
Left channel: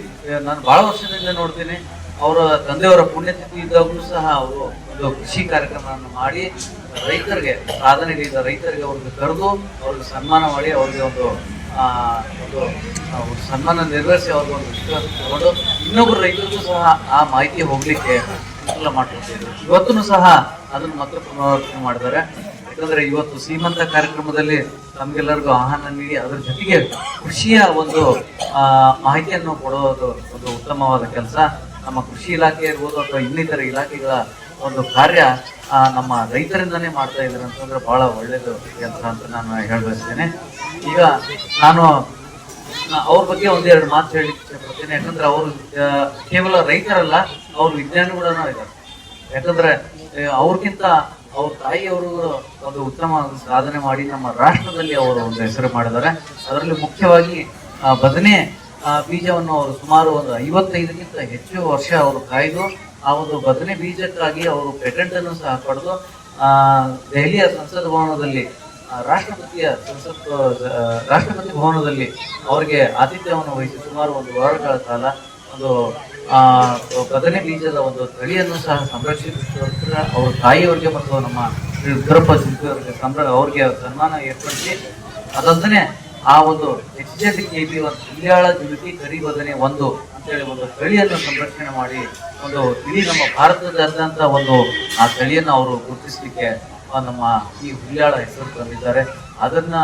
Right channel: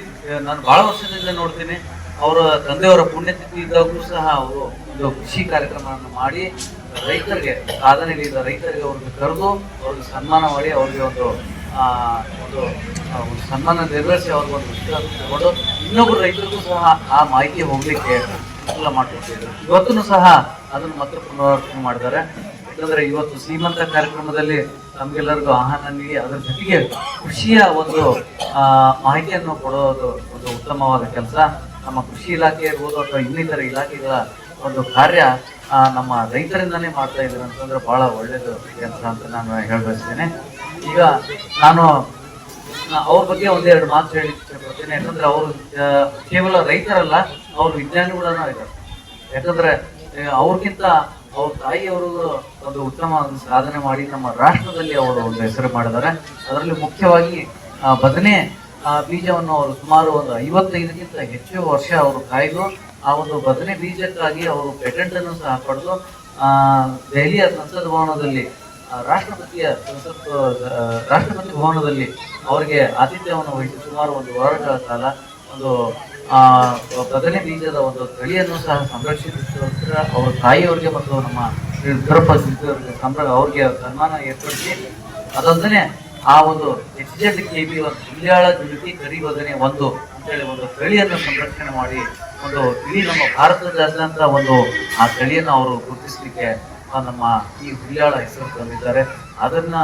ನಾನು ಬಹಳ ವರ್ಷದಿಂದ ನೋಡ್ತೀನಿ ಅವರ ತಂದೆಯವರ ಪುಣ್ಯತಿಥಿ ಇದ್ದಾಗೂ ಸಹ ಅವರು ಒಂದು ಕೃಷಿ ಕಾರ್ಯಕ್ರಮವನ್ನು ಮಾಡಿ ರೈತರಿಗೆ ಸಾಧನೆಗಳಿದ್ದ ರೈತರಿಗೆ ಅವ್ರಿಗೆ ಕರೆದು ಅವ್ರಿಗೆ ಸನ್ಮಾನ ಮಾಡಿ ಅವ್ರಿಗೆ ಒಂದು ಒಂದು ಸನ್ಮಾನ ನೆರವೇರಿಸಿ ಅವ್ರಿಗೆ ಒಂದು ತಗೊಂಡು ಇನ್ನೊಬ್ಬರು ರೈತರಿಗೂ ಸಹ ಆ ಮಾಹಿತಿ ಹೋಗ್ಲಿಕ್ಕೆ ಅನುಕೂಲ ಮಾಡ್ತಿದ್ರು ಇವತ್ತೂ ಸಹ ಅದನ್ನು ಮಾತ್ರ ಪುನರಾವರ್ತನೆ ಮಾಡಿದ್ದಾರೆ. ಯಾಕಂದ್ರೆ ಇವತ್ತು ಸೀಮಂತ ಕಾರ್ಯಕ್ರಮದಲ್ಲಿ ನಮ್ಗೆಲ್ಲರಿಗೂ ಆಹ್ವಾನ ನೀಡಿ ಅದರ ಜೊತೆಗೆ ಕೃಷಿಯ ಒಂದು ಮಾಹಿತಿಯನ್ನು ಕೊಡೋದು ಒಂದು ಉತ್ತಮವಾದ ಕೆಲಸ. ನಮ್ಮ ಕೃಷಿ ಇಲಾಖೆ ಇರ್ಬೋದು ಅಥವಾ ಇನ್ನಿತರ ಇಲಾಖೆಗಳ ಒಂದು ಕಾರ್ಯ ನಮ್ಮ ರೈತರಿಂದಲೇ ಮಾಡ್ತಾ ಇದ್ದಾರೆ ಅಂತಂದ್ರೆ ಬಹಳ ಒಳ್ಳೇದು ಕೆಲಸ ಅಂತ ನಾನು ಹೇಳ್ಬಯಸ್ತೇನೆ. ಈಗ ನಾನು ಅವ್ರ ಬಗ್ಗೆ ಒಂದೆರಡು ಮಾತು ಹೇಳಿ ಇಷ್ಟಪಡ್ತೇನೆ ಯಾಕಂದ್ರೆ ಅವರು ಕೇವಲ ರೈತರಲ್ಲ, ಅವ್ರ ವಿಜ್ಞಾನಿಗಳನ್ನ ಇದ್ದಾರೆ. ಯಾಕಂದ್ರೆ ಅವ್ರಿಗಿಂತ ಅವ್ರ ತಾಯಿಯವರು ಒಂದು ಉತ್ತಮ ಸಾಧನೆ ಮಾಡಿ ನಮ್ಮ ರಾಷ್ಟ್ರದಲ್ಲಿ ಅವರು ಒಂದು ಹೆಸರು ಮಾಡಿದ್ದಾರೆ. ಅದರಲ್ಲಿ ಮುಖ್ಯವಾಗಿ ಬದನೆ ಆ, ಬೀಜವನ್ನು ಅವರು ಸುಮಾರು ಒಂದು ಐವತ್ತೈದಕ್ಕಿಂತ ಹೆಚ್ಚು ವರ್ಷ ಅವರು ಕಾಯ್ದು ಆ ಒಂದು ಬದನೆ ಬೀಜಕ್ಕಾಗಿ ಅವರು ಪೇಟೆಂಟ್ ಅನ್ನು ಸಹ ಪಡೆದು ದೆಹಲಿಯ ಸಂಸತ್ ಭವನದಲ್ಲಿ ರಾಷ್ಟ್ರಪತಿಯ ಸಂಸತ್ ರಾಷ್ಟ್ರಪತಿ ಭವನದಲ್ಲಿ ಅವರಿಗೆ ಆತಿಥ್ಯವನ್ನು ವಹಿಸಿ ಸುಮಾರು ಒಂದು ವಾರಗಳ ಕಾಲ ಒಂದು ಬದನೆ ಬೀಜದ ಒಂದು ತಳಿಯನ್ನು ಸಹ ಸಂರಕ್ಷಿಸಿದ ಅವ್ರ ತಾಯಿಯವರಿಗೆ ಮತ್ತು ನಮ್ಮ ಸಂದ್ರ ಅವ್ರಿಗೆ ಸನ್ಮಾನ ಏರ್ಪಡಿಸಿ ಅದೊಂದನೆ ಆ ಒಂದು ಎಚ್ ಜೆಡ್ ಕೆ ಬಿ ಒಂದು ಇಲ್ಯಾಳ ಜ್ಯೋತಿ ಕರಿ ಬದನೆ ಒಂದು ಅಂತೇಳಿ ಒಂದು ತಳಿಯನ್ನು ಸಂರಕ್ಷಣೆ ಮಾಡಿ ಒಂದು ಇಡೀ ನಮ್ಮ ಭಾರತದಾದ್ಯಂತ ಒಂದು ಆ ತಳಿಯನ್ನು ಅವರು ಗುರುತಿಸಲಿಕ್ಕೆ ನಮ್ಮ ಈ ಹುಲಿಯಾಳ ಹೆಸರು ತಂದಿದ್ದಾರೆ ಅದನ್ನ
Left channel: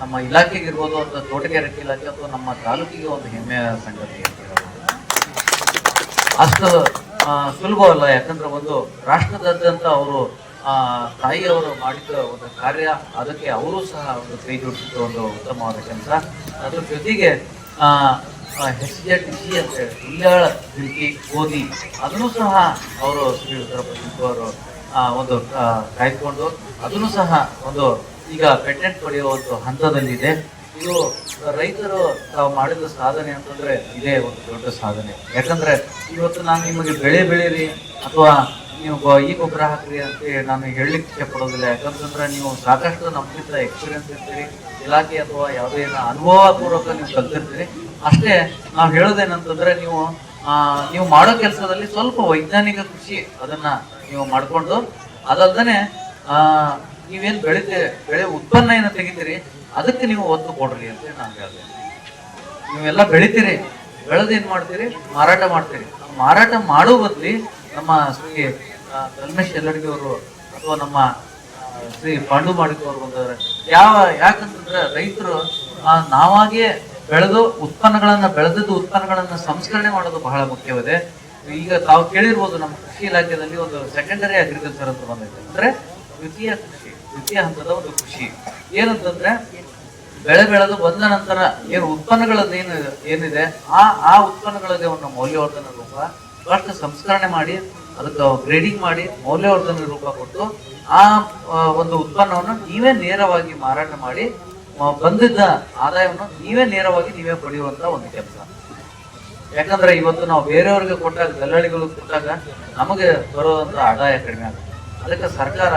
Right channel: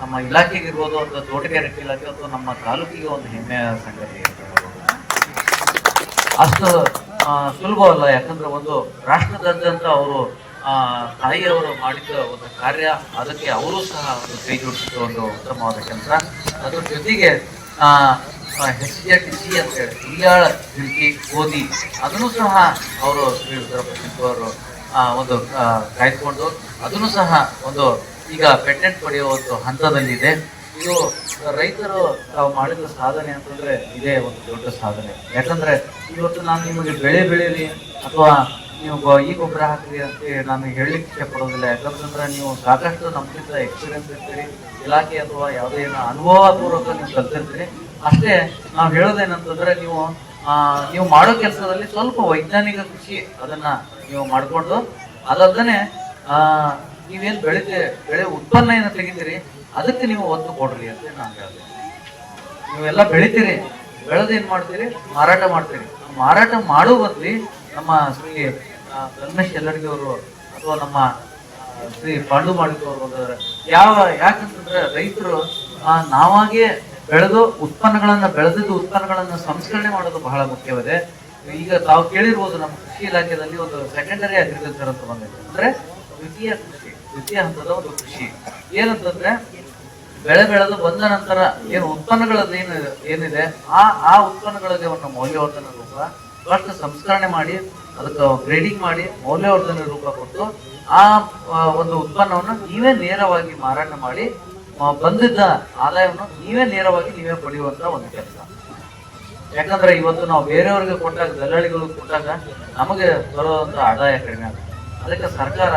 ನಮ್ಮ ಇಲಾಖೆಗೆ ಇರ್ಬೋದು ಅಥವಾ ತೋಟಗಾರಿಕೆ ಇಲಾಖೆ ಅಥವಾ ನಮ್ಮ ತಾಲೂಕಿಗೆ ಒಂದು ಹೆಮ್ಮೆಯ ಸಂಗತಿ. ಅಷ್ಟು ಸುಲಭ ಸುಲಭವಲ್ಲ, ಯಾಕಂದ್ರೆ ಒಂದು ರಾಷ್ಟ್ರದಾದ್ಯಂತ ಅವರು ಆ ತಾಯಿಯವರು ಮಾಡಿದ ಒಂದು ಕಾರ್ಯ, ಅದಕ್ಕೆ ಅವರು ಸಹ ಒಂದು ಕೈ ಜೋಡಿಸಿದ ಒಂದು ಉತ್ತಮವಾದ ಕೆಲಸ. ಅದ್ರ ಜೊತೆಗೆ ಎಸ್ ಜಿ ಸಿ ಅಂತ ಹೇಳಿ ಇಲ್ಲಾಳ ತಿರುಗಿ ಓದಿ, ಅದನ್ನು ಸಹ ಅವರು ಶ್ರೀ ಅವರು ಒಂದು ಕಾಯ್ಕೊಂಡು ಅದನ್ನು ಸಹ ಒಂದು ಈಗ ಪೇಟೆಂಟ್ ಪಡೆಯುವ ಒಂದು ಹಂತದಲ್ಲಿದೆ. ಇದು ರೈತರು ತಾವು ಮಾಡಿದ ಸಾಧನೆ ಅಂತಂದ್ರೆ ಇದೇ ಒಂದು ದೊಡ್ಡ ಸಾಧನೆ. ಯಾಕಂದ್ರೆ ಇವತ್ತು ನಾನು ನಿಮಗೆ ಬೆಳೆ ಬೆಳೆಯಲಿ ಅಥವಾ ನೀವು ಈ ಗೊಬ್ಬರ ಹಾಕ್ರಿ ಅಂತ ನಾನು ಹೇಳಲಿಕ್ಕೆ ಇಷ್ಟಪಡೋದಿಲ್ಲ. ಯಾಕಂತಂದ್ರೆ ನೀವು ಸಾಕಷ್ಟು ನಮ್ಗಿಂತ ಎಕ್ಸ್ಪೀರಿಯನ್ಸ್ ಇರ್ತೀರಿ. ಇಲಾಖೆ ಅಥವಾ ಯಾವುದೇ ಅನುಭವ ಪೂರ್ವಕ ನೀವು ಕಲ್ತಿರ್ತೀರಿ. ಅಷ್ಟೇ ನಾವು ಹೇಳೋದೇನಂತಂದ್ರೆ ನೀವು ನೀವು ಮಾಡೋ ಕೆಲಸದಲ್ಲಿ ಸ್ವಲ್ಪ ವೈಜ್ಞಾನಿಕ ಕೃಷಿ ಅದನ್ನ ನೀವು ಮಾಡ್ಕೊಂಡು ಅದಲ್ದನೆ, ಆ, ನೀವೇನ್ ಬೆಳಿತೀರಿ ಬೆಳೆ ಉತ್ಪನ್ನ ಏನ ತೆಗಿತೀರಿ, ಅದಕ್ಕೆ ನೀವು ಒತ್ತು ಕೊಡ್ರಿ ಅಂತ ನಾನು ಹೇಳ್ದೆ. ನೀವೆಲ್ಲ ಬೆಳಿತೀರಿ ಬೆಳೆದೇನ್ ಮಾಡ್ತೀರಿ, ಮಾರಾಟ ಮಾಡ್ತೀರಿ. ಆ ಮಾರಾಟ ಮಾಡೋ ಬದ್ಲಿ ನಮ್ಮ ಕಲ್ಮೇಶ್ ಎಲ್ಲರಿಗೂ ಅಥವಾ ನಮ್ಮ ಶ್ರೀ ಪಾಂಡು ಬಂದವ್ರೆ. ಯಾವ, ಯಾಕಂತಂದ್ರೆ ರೈತರು ನಾವಾಗೆ ಬೆಳೆದು ಉತ್ಪನ್ನಗಳನ್ನ, ಬೆಳೆದಿದ್ದು ಉತ್ಪನ್ನಗಳನ್ನ ಸಂಸ್ಕರಣೆ ಮಾಡೋದು ಬಹಳ ಮುಖ್ಯವಿದೆ. ಈಗ ತಾವು ಕೇಳಿರ್ಬೋದು ನಮ್ಮ ಕೃಷಿ ಇಲಾಖೆಯಲ್ಲಿ ಒಂದು ಸೆಕೆಂಡರಿ ಅಗ್ರಿಕಲ್ಚರ್ ಅಂತ ಬಂದಿದೆ. ಅಂದ್ರೆ ದ್ವಿತೀಯ ಕೃಷಿ, ದ್ವಿತೀಯ ಹಂತದ ಒಂದು ಕೃಷಿ. ಏನಂತಂದ್ರೆ ಬೆಳೆ ಬೆಳೆದು ಬಂದ ನಂತರ ಏನು ಉತ್ಪನ್ನಗಳದ್ದು ಏನು, ಏನಿದೆ, ಆ ಆ ಉತ್ಪನ್ನಗಳಿಗೆ ಒಂದು ಮೌಲ್ಯವರ್ಧನ ರೂಪ ಫಸ್ಟ್ ಸಂಸ್ಕರಣೆ ಮಾಡಿ ಅದಕ್ಕೆ ಗ್ರೇಡಿಂಗ್ ಮಾಡಿ ಮೌಲ್ಯವರ್ಧನೆ ರೂಪ ಕೊಟ್ಟು ಆ ಒಂದು ಉತ್ಪನ್ನವನ್ನು ನೀವೇ ನೇರವಾಗಿ ಮಾರಾಟ ಮಾಡಿ ಬಂದಿದ್ದ ಆದಾಯವನ್ನು ನೀವೇ ನೇರವಾಗಿ ನೀವೇ ಪಡೆಯುವಂತ ಒಂದು ಕೆಲಸ. ಯಾಕಂದ್ರೆ ಇವತ್ತು ನಾವು ಬೇರೆಯವರಿಗೆ ಕೊಟ್ಟಾಗ, ದಲ್ಲಾಳಿಗಳಿಗೆ ಕೊಟ್ಟಾಗ ನಮಗೆ ಬರುವಂತ ಆದಾಯ ಕಡಿಮೆ ಆಗುತ್ತೆ. ಅದಕ್ಕೆ ಸರ್ಕಾರ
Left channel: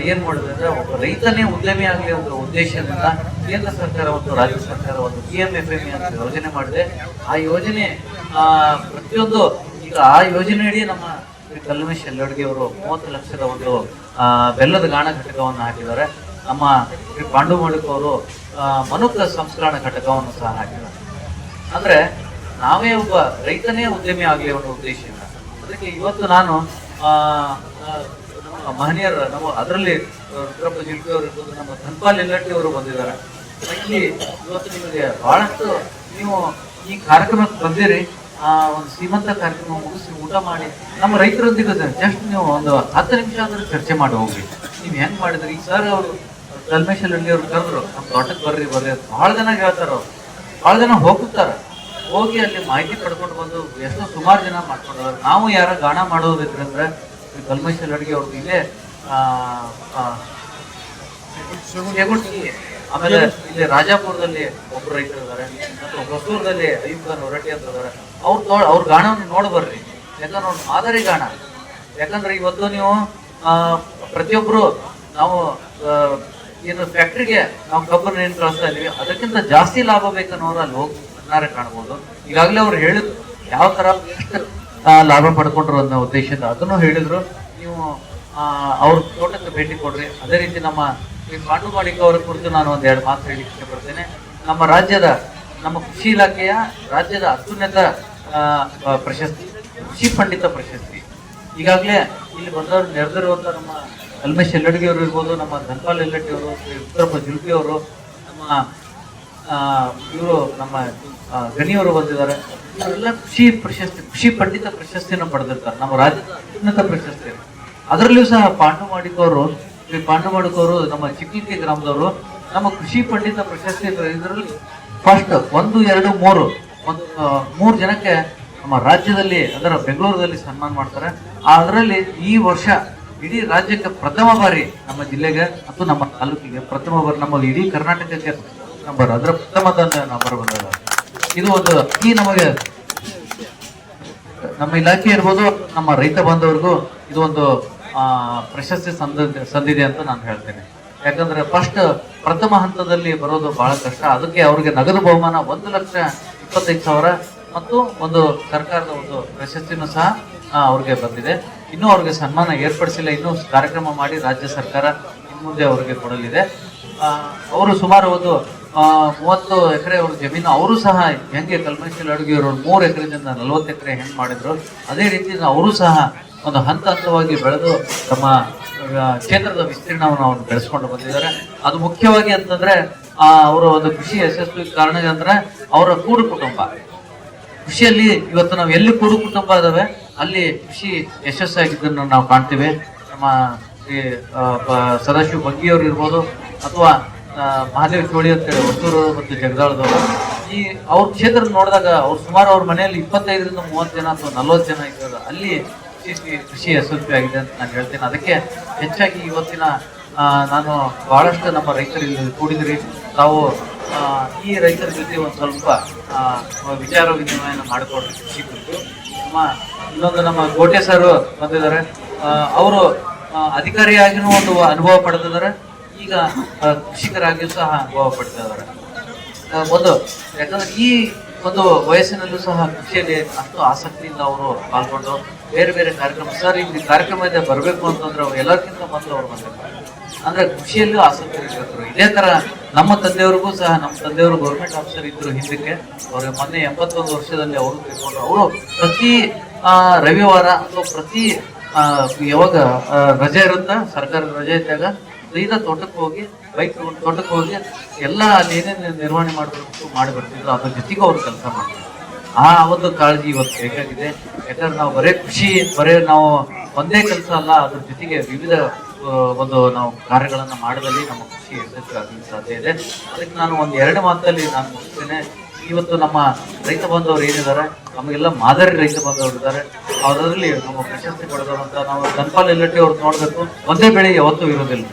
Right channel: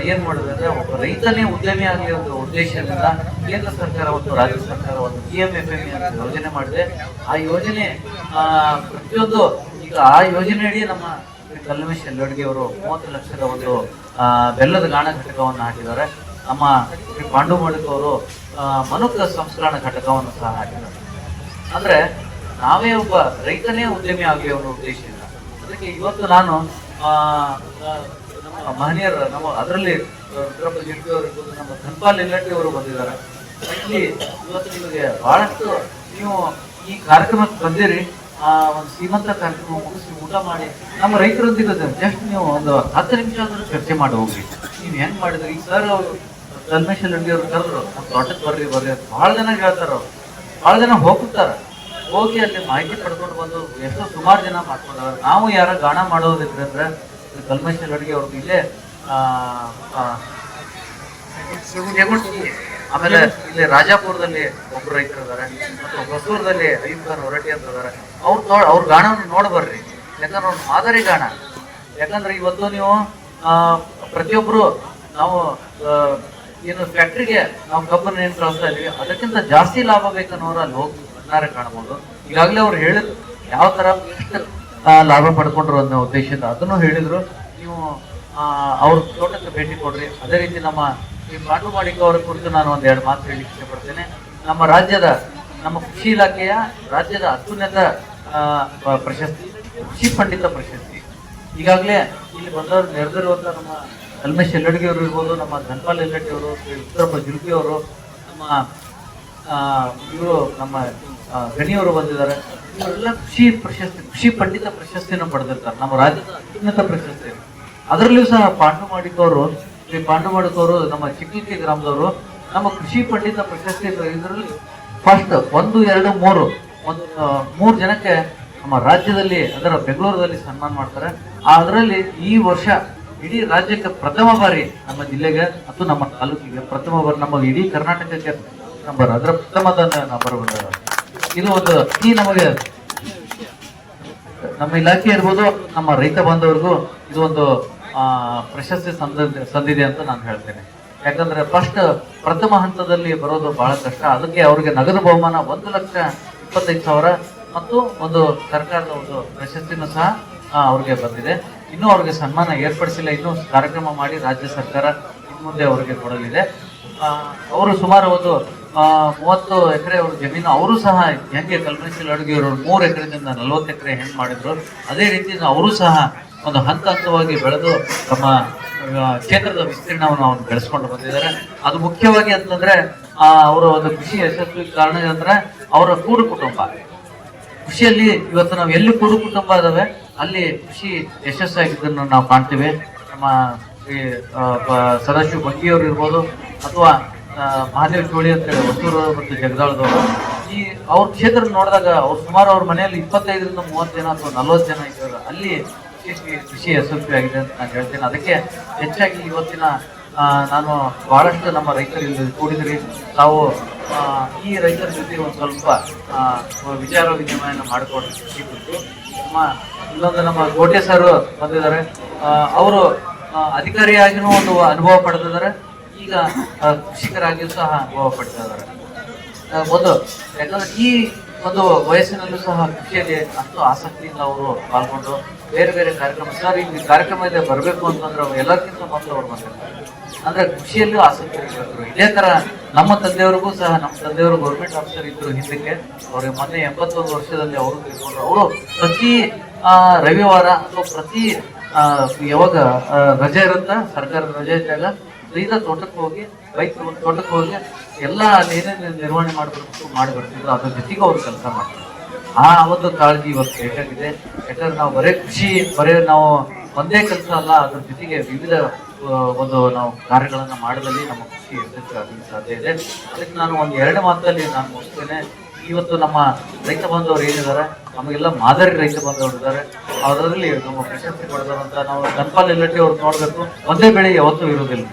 ಏನ್ ಮಾಡಿದೆ ಅಂದ್ರೆ ಒಬ್ಬ ರೈತನೇ ಉದ್ಯಮಿ ಆಗಲಿ ಅಂತ ಉದ್ದೇಶದಿಂದ ಕೇಂದ್ರ ಸರ್ಕಾರ ಮತ್ತು ರಾಜ್ಯ ಸರ್ಕಾರ ಒಂದು ಪಿ ಎಂ ಎಫ್ ಎಂ ಅಂತ ಯೋಜನೆ ಮಾಡಿದೆ. ಆ ಯೋಜನೆ, ಆ, ಪ್ರತಿಯೊಂದು ಈಗ ಆ ಯೋಜನೆಯಡಿ ನಮ್ಮ ಕಲ್ಮೇಶ್ ಲಡ್ಗೆ ಅವರು ಮೂವತ್ತು ಲಕ್ಷದ ಒಂದು ಬೆಲ್ಲದ ಗಾಣ ಘಟಕವನ್ನು ಹಾಕಿದ್ದಾರೆ. ನಮ್ಮ ಶ್ರೀ ಪಾಂಡು ಅವರು ಮನುಕ ಸಂಸ್ಕರಣ ಘಟಕವನ್ನು ಸಹ ಹಾಕಿದ್ದಾರೆ. ಆದ್ರೆ ನಾವೇ ಒಬ್ಬ ರೈತನೇ ಉದ್ಯಮಿ ಆಗಲಿ ಅವರ ಉದ್ದೇಶ ಅದಕ್ಕೆ ಇವತ್ತು ನಾನು ನಮ್ಮ ಮಹನೀಯರ, ನಮ್ಮ ಅದರಲ್ಲಿ ಅವರು ನಮ್ಮ ಧನ್ಪಾಲ್ ಇಲ್ಲಟ್ಟಿ ಅವರು ಬಂದಿದ್ದಾರೆ. ಇವತ್ತು ನಿಮಗೆ ಬಹಳಷ್ಟು ನೀವು ಈ ಕಾರ್ಯಕ್ರಮಕ್ಕೆ ಬಂದಿರಿ. ಆ ಒಂದು ಶ್ರೀಮಂತ ಕಾರ್ಯಕ್ರಮ ಮುಗಿಸಿ ಊಟ ಮಾಡಿ ನಮ್ಮ ರೈತರೊಂದಿಗೆ ಜಸ್ಟ್ ನೀವು ಒಂದು ಹತ್ತು ನಿಮಿಷ ಆದರೂ ಚರ್ಚೆ ಮಾಡಿ ಹೋಗಿ ನೀವು ಹೆಂಗೆ ಮಾಡಿದ್ರಿ? ಸರ್ ಅವರು ಕಲ್ಮೇಶ್ ಅಲ್ಲಿ ಅವ್ರು ಕರೆದ್ರು. ತೋಟಕ್ಕೆ ಬರ್ರಿ ಬರ್ರಿ ಭಾಳ ಜನ ಹೇಳ್ತಾರ ಅವ್ರು. ಬಹಳ ಜನ ಹೋಗುತ್ತಾರೆ ಹೋಗಿ ಅಲ್ಲಿ ಮಾಹಿತಿ ಪಡ್ಕೊಂಡು ಬಂದು ಎಷ್ಟೋ ಸುಮಾರು ಜನ ಮಾಡ್ಕೊಂಡ್ರೆ ನಾವು ಯಾರ ಗಾಣ ಮಾಡೋದಿದ್ರೆ ಅಂದ್ರೆ ಈ ಕಲ್ಮೇಶ್ ಅಡ್ಗೆ ಅವ್ರಿಗೆ ಇಲ್ಲೇ ಆಮೇಲೆ ಇಲ್ಲಿ ರಾಜಾಪುರದಲ್ಲಿ ಒಬ್ರು ರೈತರು ಇದಾರೆ ಮತ್ತು ಹೊಸೂರದಲ್ಲಿ ಅಯ್ಯೂಬ್ ಖಾನ್ ಹೊರಟಿ ಅಂತ ಇದಾರೆ ಅವ್ರ ಅವ್ರ ಗಾಣವನ್ನು ನೋಡಿ ಬರ್ರಿ ಯಾಕಂದ್ರೆ ಅವ್ರ ಮಾದರಿ ಗಾಣ. ಯಾಕಂದ್ರೆ ಇವತ್ತು ನೀವು ಪ್ರತಿಯೊಬ್ಬರು ನಾವು ಏನು ಫ್ಯಾಕ್ಟ್ರಿಗೆ ನಾವು ಕಬ್ಬನ್ನು ಏನು ಕಳಿಸ್ತಾ ಇದೀವಿ ಅದಕ್ಕಿಂತ ಜಾಸ್ತಿ ಲಾಭ ಬೇಕನ್ನೋರು ಅಲ್ಲಿ ಹೋಗಿ ಕಣ್ಣಾರೆ ಕಾಣಬಹುದು ಈಗಾಗಲೇ ಅವ್ರು ಹೇಳಿದ್ರು, ಯಾವ ತರ ಲಾಭ ಪಡ್ಕೊಂಡ್ರು ಅನ್ನೋ ಉದ್ದೇಶದಿಂದ ಅದನ್ನು ಹೇಳಿದ್ರು. ನೀವು ಅವ್ರ ತೋಟಕ್ಕೆ ಭೇಟಿ ಕೊಡ್ರಿ. ಅದೇ ರೀತಿ ನಮ್ಮ ಮಾಟು ಮಾಳಿಕ ಅವರ ಕುರಿತು ನಾನು ಒಂದು ಎರಡು ಮಾತು ಹೇಳಿ ಇಷ್ಟಪಡ್ತೇನೆ ನಮ್ಮ ರಾಜ್ಯದ, ನಮ್ಮ ಕೃಷಿ ಇಲಾಖೆಯ, ರಾಜ್ಯದ ಅತ್ಯುನ್ನತ ಪ್ರಶಸ್ತಿ, ಕೃಷಿ ಪಂಡಿತ ಪ್ರಶಸ್ತಿ. ಈಗಾಗಲೇ ಇಲ್ಲಿ ಬಂದವರು ನೆರೆದಿರುವಂತ ನಮ್ಮ ಕಲ್ಮೇಶ್ ಎಲ್ಲಡ್ಗಿ ಅವರು ಇರ್ಬೋದು, ನಮ್ಮ ಧನ್ಪಾಲ್ ಎಲ್ಲಡ್ಡಿ ಅವರು ಉತ್ತರಪ್ಪ ಜುಲ್ಕಿ ಅವರು, ನಮ್ಮ ಇವರು ನಮ್ಮ ಗಣಿಯವರು ಬಂದಿದ್ದಾರೆ. ಇವರೆಲ್ಲ ಕೃಷಿ ಪ್ರಶಸ್ತಿ, ಕೃಷಿ ಪಂಡಿತ ಪ್ರಶಸ್ತಿಯನ್ನು ಪಡೆದಿರ್ತಾರೆ. ನಮ್ಮ ರಾಜ್ಯದ ಅತ್ಯುನ್ನತ ಪ್ರಶಸ್ತಿ. ಅದರಲ್ಲೂ ಸಹ ಪಾಂಡು ಮಾಡಿಕೋರು ಈ ಪಾಂಡು ಮಾಡಿಕೋರು ನಮ್ಮ ಚಿಕ್ಕಲಿಕ್ಕಿ ಗ್ರಾಮದವರು, ನಮ್ಮ ಕೃಷಿ ಪಂಡಿತ ಪ್ರಶಸ್ತಿ ಇದರಲ್ಲಿ ಫಸ್ಟ್ ಒಂದು, ಎರಡು, ಮೂರು. ಒಂದು ಮೂರು ಜನಕ್ಕೆ ನಮ್ಮ ರಾಜ್ಯದಲ್ಲಿ, ಅದರ ಬೆಂಗಳೂರಲ್ಲಿ ಸನ್ಮಾನ ಮಾಡ್ತಾರೆ. ಅದರಲ್ಲಿ ಈ ವರ್ಷ ಇಡೀ ರಾಜ್ಯಕ್ಕೆ ಪ್ರಥಮ ಬಾರಿ ನಮ್ಮ ಜಿಲ್ಲೆಗೆ ಮತ್ತು ನಮ್ಮ ತಾಲೂಕಿಗೆ ಪ್ರಥಮ ಬಾರಿ, ನಮ್ಮ ಇಡೀ ಕರ್ನಾಟಕಕ್ಕೆ ನಂಬರ್ ಅದರ ಪ್ರಥಮದ ನಂಬರ್ ಇದು ಒಂದು ಈ ನಮಗೆ ನಮ್ಮ ಇಲಾಖೆ ಇರ್ಬೋದು, ನಮ್ಮ ರೈತ ಬಾಂಧವರಿಗೂ ಇದು ಒಂದು ಪ್ರಶಸ್ತಿ ಸಂದ ಸಂದಿದೆ ಅಂತ ನಾನು ಹೇಳ್ತೇನೆ. ಯಾಕಂದ್ರೆ ಫಸ್ಟ್ ಪ್ರಥಮ ಹಂತದಲ್ಲಿ ಬರೋದು ಬಹಳ ಕಷ್ಟ. ಅದಕ್ಕೆ ಅವರಿಗೆ ನಗದು ಬಹುಮಾನ ಒಂದು ಲಕ್ಷ ಇಪ್ಪತ್ತೈದು ಸಾವಿರ ಮತ್ತು ಒಂದು ಸರ್ಕಾರದ ಒಂದು ಪ್ರಶಸ್ತಿನೂ ಸಹ ಅವ್ರಿಗೆ ಬಂದಿದೆ. ಇನ್ನೂ ಅವ್ರಿಗೆ ಸನ್ಮಾನ ಏರ್ಪಡಿಸಿಲ್ಲ. ಇನ್ನೂ ಕಾರ್ಯಕ್ರಮ ಮಾಡಿ ರಾಜ್ಯ ಸರ್ಕಾರ ಇನ್ನು ಮುಂದೆ ಅವರಿಗೆ ಕೊಡಲಿದೆ. ಅವರು ಸುಮಾರು ಒಂದು ಮೂವತ್ತು ಎಕರೆ ಅವ್ರ ಜಮೀನು ಅವರು ಸಹ ಹೆಂಗೆ ಕಲ್ಪೆಚಿಲ್ ಅಡುಗೆ ಇರೋರು ಮೂರು ಎಕರೆದಿಂದ ನಲವತ್ತು ಎಕರೆ ಹೆಂಗೆ ಮಾಡಿದ್ರು. ಅದೇ ರೀತಿ ಅವರು ಸಹ ಒಂದು ಹಂತ ಹಂತವಾಗಿ ಬೆಳೆದು ತಮ್ಮ ಕ್ಷೇತ್ರದ ವಿಸ್ತೀರ್ಣವನ್ನು ಅವರು ಬೆಳೆಸ್ಕೊಂಡು ಬಂದಿದ್ದಾರೆ. ಅದು ಮುಖ್ಯವಾಗಿ ಅಂತಂದ್ರೆ ಆ, ಅವರ ಒಂದು ಕೃಷಿ ಯಶಸ್ವಿ ಕಾರಣ ಅಂದ್ರೆ ಅವರ ಕೂಡು ಕುಟುಂಬ. ಕೃಷಿಯಲ್ಲಿ ಇವತ್ತು ನಾವು ಎಲ್ಲಿ ಕೂಡು ಕುಟುಂಬ ಇದಾವೆ ಅಲ್ಲಿ ಕೃಷಿ ಯಶಸ್ಸಾಗಿದ್ದನ್ನು ನಾವು ಕಾಣ್ತೀವಿ. ನಮ್ಮ ಬ- ಸದಾಶಿವ ಬಂಗಿಯವರು ಇರ್ಬೋದು ಅಥವಾ ಮಹಾದೇವ್ ಚೋಳಿ ಅಂತ ಹೇಳಿ ಮತ್ತು ಜಗದಾಳದವರು. ಈ ಅವ್ರ ಕ್ಷೇತ್ರ ನೋಡಿದಾಗ ಅವ್ರು ಸುಮಾರು ಅವ್ರ ಮನೆಯಲ್ಲಿ ಇಪ್ಪತ್ತೈದರಿಂದ ಮೂವತ್ತು ಜನ ಅಥವಾ ನಲ್ವತ್ತು ಜನ ಇದ್ದಾರೆ. ಅಲ್ಲಿ ಕೃಷಿ ಕೃಷಿ ಯಶಸ್ವಿ ಆಗಿದೆ ಅಂತ ನಾನು ಹೇಳ್ತೇನೆ. ಅದಕ್ಕೆ ಹೆಚ್ಚಾಗಿ ಇವತ್ತಿನ ನಾನು ಬಹಳಷ್ಟು ನಮ್ಮ ರೈತರು ಇಲ್ಲಿ ಕೂಡಿದ್ರಿ ತಾವು ಈ ರೈತರ ಜೊತೆ ಒಂದು ಸ್ವಲ್ಪ ವಿಚಾರ ವಿನಿಮಯನ ಮಾಡಿಕೊಂಡು ಕೊಟ್ಟು ನಮ್ಮ ಇನ್ನೊಂದು ನಮ್ಮ ಗೋಟೆ ಸರ್ ಬಂದಿದ್ದಾರೆ. ಅವರು ಅಧಿಕಾರಿಯಾಗಿನೂ ಒಂದು ಅನುಭವ ಪಡೆದಿದ್ದಾರೆ. ಈಗ ಕೃಷಿಕರಾಗಿಯೂ ಸಹ ಅನುಭವ ಪಡ್ತಿದ್ದಾರೆ ಇದ್ದಾರೆ. ಒಂದು, ಯಾಕಂದ್ರೆ ಈ ಒಂದು ವಯಸ್ಸಿನಲ್ಲೂ ಸಹ ಕೃಷಿಯಲ್ಲಿ ಅಷ್ಟು ಆಸಕ್ತಿಯಿಂದ ಅವರು ಪಾಲ್ಗೊಂಡು ಬೇರೆ ಬೇರೆ ಕಾರ್ಯಕ್ರಮ, ಸರ್ ಇಲ್ಲಿ ಕಾರ್ಯಕ್ರಮ ಬರಬೇಕು ಅಂತಂದ್ರೆ ಅವ್ರು ಎಲ್ಲರಿಗಿಂತ ಮೊದಲು ಅವ್ರು ಬರಬೇಕು. ಅಂದ್ರೆ ಕೃಷಿಯಲ್ಲೂ ಆಸಕ್ತಿ ಇರ್ಬೇಕು ಇದೇ ತರ ನಮ್ಮ ತಂದೆಯವ್ರಿಗೂ ಸಹ, ನಮ್ಮ ತಂದೆಯವರು ಗೌರ್ಮೆಂಟ್ ಆಫೀಸರ್ ಇದ್ರು ಹಿಂದಕ್ಕೆ ಅವ್ರಿಗೆ ಮೊನ್ನೆ ಎಂಬತ್ತೊಂದು ವರ್ಷದಲ್ಲಿ ಅವರು ಅವರು ಪ್ರತಿ ರವಿವಾರ ಅಥವಾ ಪ್ರತಿ ಯಾವಾಗ ರಜೆ ಇರುತ್ತೆ? ಸರ್ಕಾರದ ರಜೆ ಇದ್ದಾಗ ಸೀದಾ ತೋಟಕ್ಕೆ ಹೋಗಿ ತಗೊಂಡು ತೋಟಕ್ಕೆ ಹೋಗಿ ಎಲ್ಲ ಏನೇನು ನಿರ್ವಹಣೆ ಮಾಡಬೇಕು, ಮಾಡಿ ಬರ್ತಿದ್ರು. ಅದ್ರ ಜೊತೆಗೂ ಅವ್ರು ಕೆಲಸ ಮಾಡ್ತಾರೆ. ಆ ಒಂದು ಕಾಳಜಿ ಇವತ್ತು ಬೇಕಾಗಿದೆ ಯಾಕಂದ್ರೆ ನಾವು ಬರೇ ಖುಷಿ ಬರೇ ನಾವು ಒಂದೇ ಕೆಲಸ ಅಲ್ಲ, ಅದ್ರ ಜೊತೆಗೆ ವಿವಿಧ ಒಂದು ನಾವು ಕಾರ್ಯಗಳನ್ನು ಮಾಡಿದಲ್ಲಿ ನಮ್ಮ ಖುಷಿ ಆಗಲಿಕ್ಕೆ ಸಾಧ್ಯ ಇದೆ. ಅದಕ್ಕೆ ನಾನು ಒಂದು ಎರಡು ಮಾತಲ್ಲಿ ನಾನು ಮುಗಿಸ್ತೇನೆ. ಇವತ್ತು ನಮ್ಮ ರೈತ ಬಾಂಧವರು ಏನಿದ್ದಾರೆ? ನಮಗೆಲ್ಲ ಮಾದರಿ ರೈತ ಬಾಂಧವರು ಇದ್ದಾರೆ. ಅದರಲ್ಲಿ ನಮ್ಮ ಪ್ರಶಸ್ತಿ ಪಡೆದವಂತ ನಾವು ಕನ್ಪಾಲ್ ಎಲ್ಲಟ್ಟಿ ಅವ್ರು ನೋಡಬೇಕು. ಒಂದೇ ಬೆಳೆ ಯಾವತ್ತೂ ಇರೋದಿಲ್ಲ.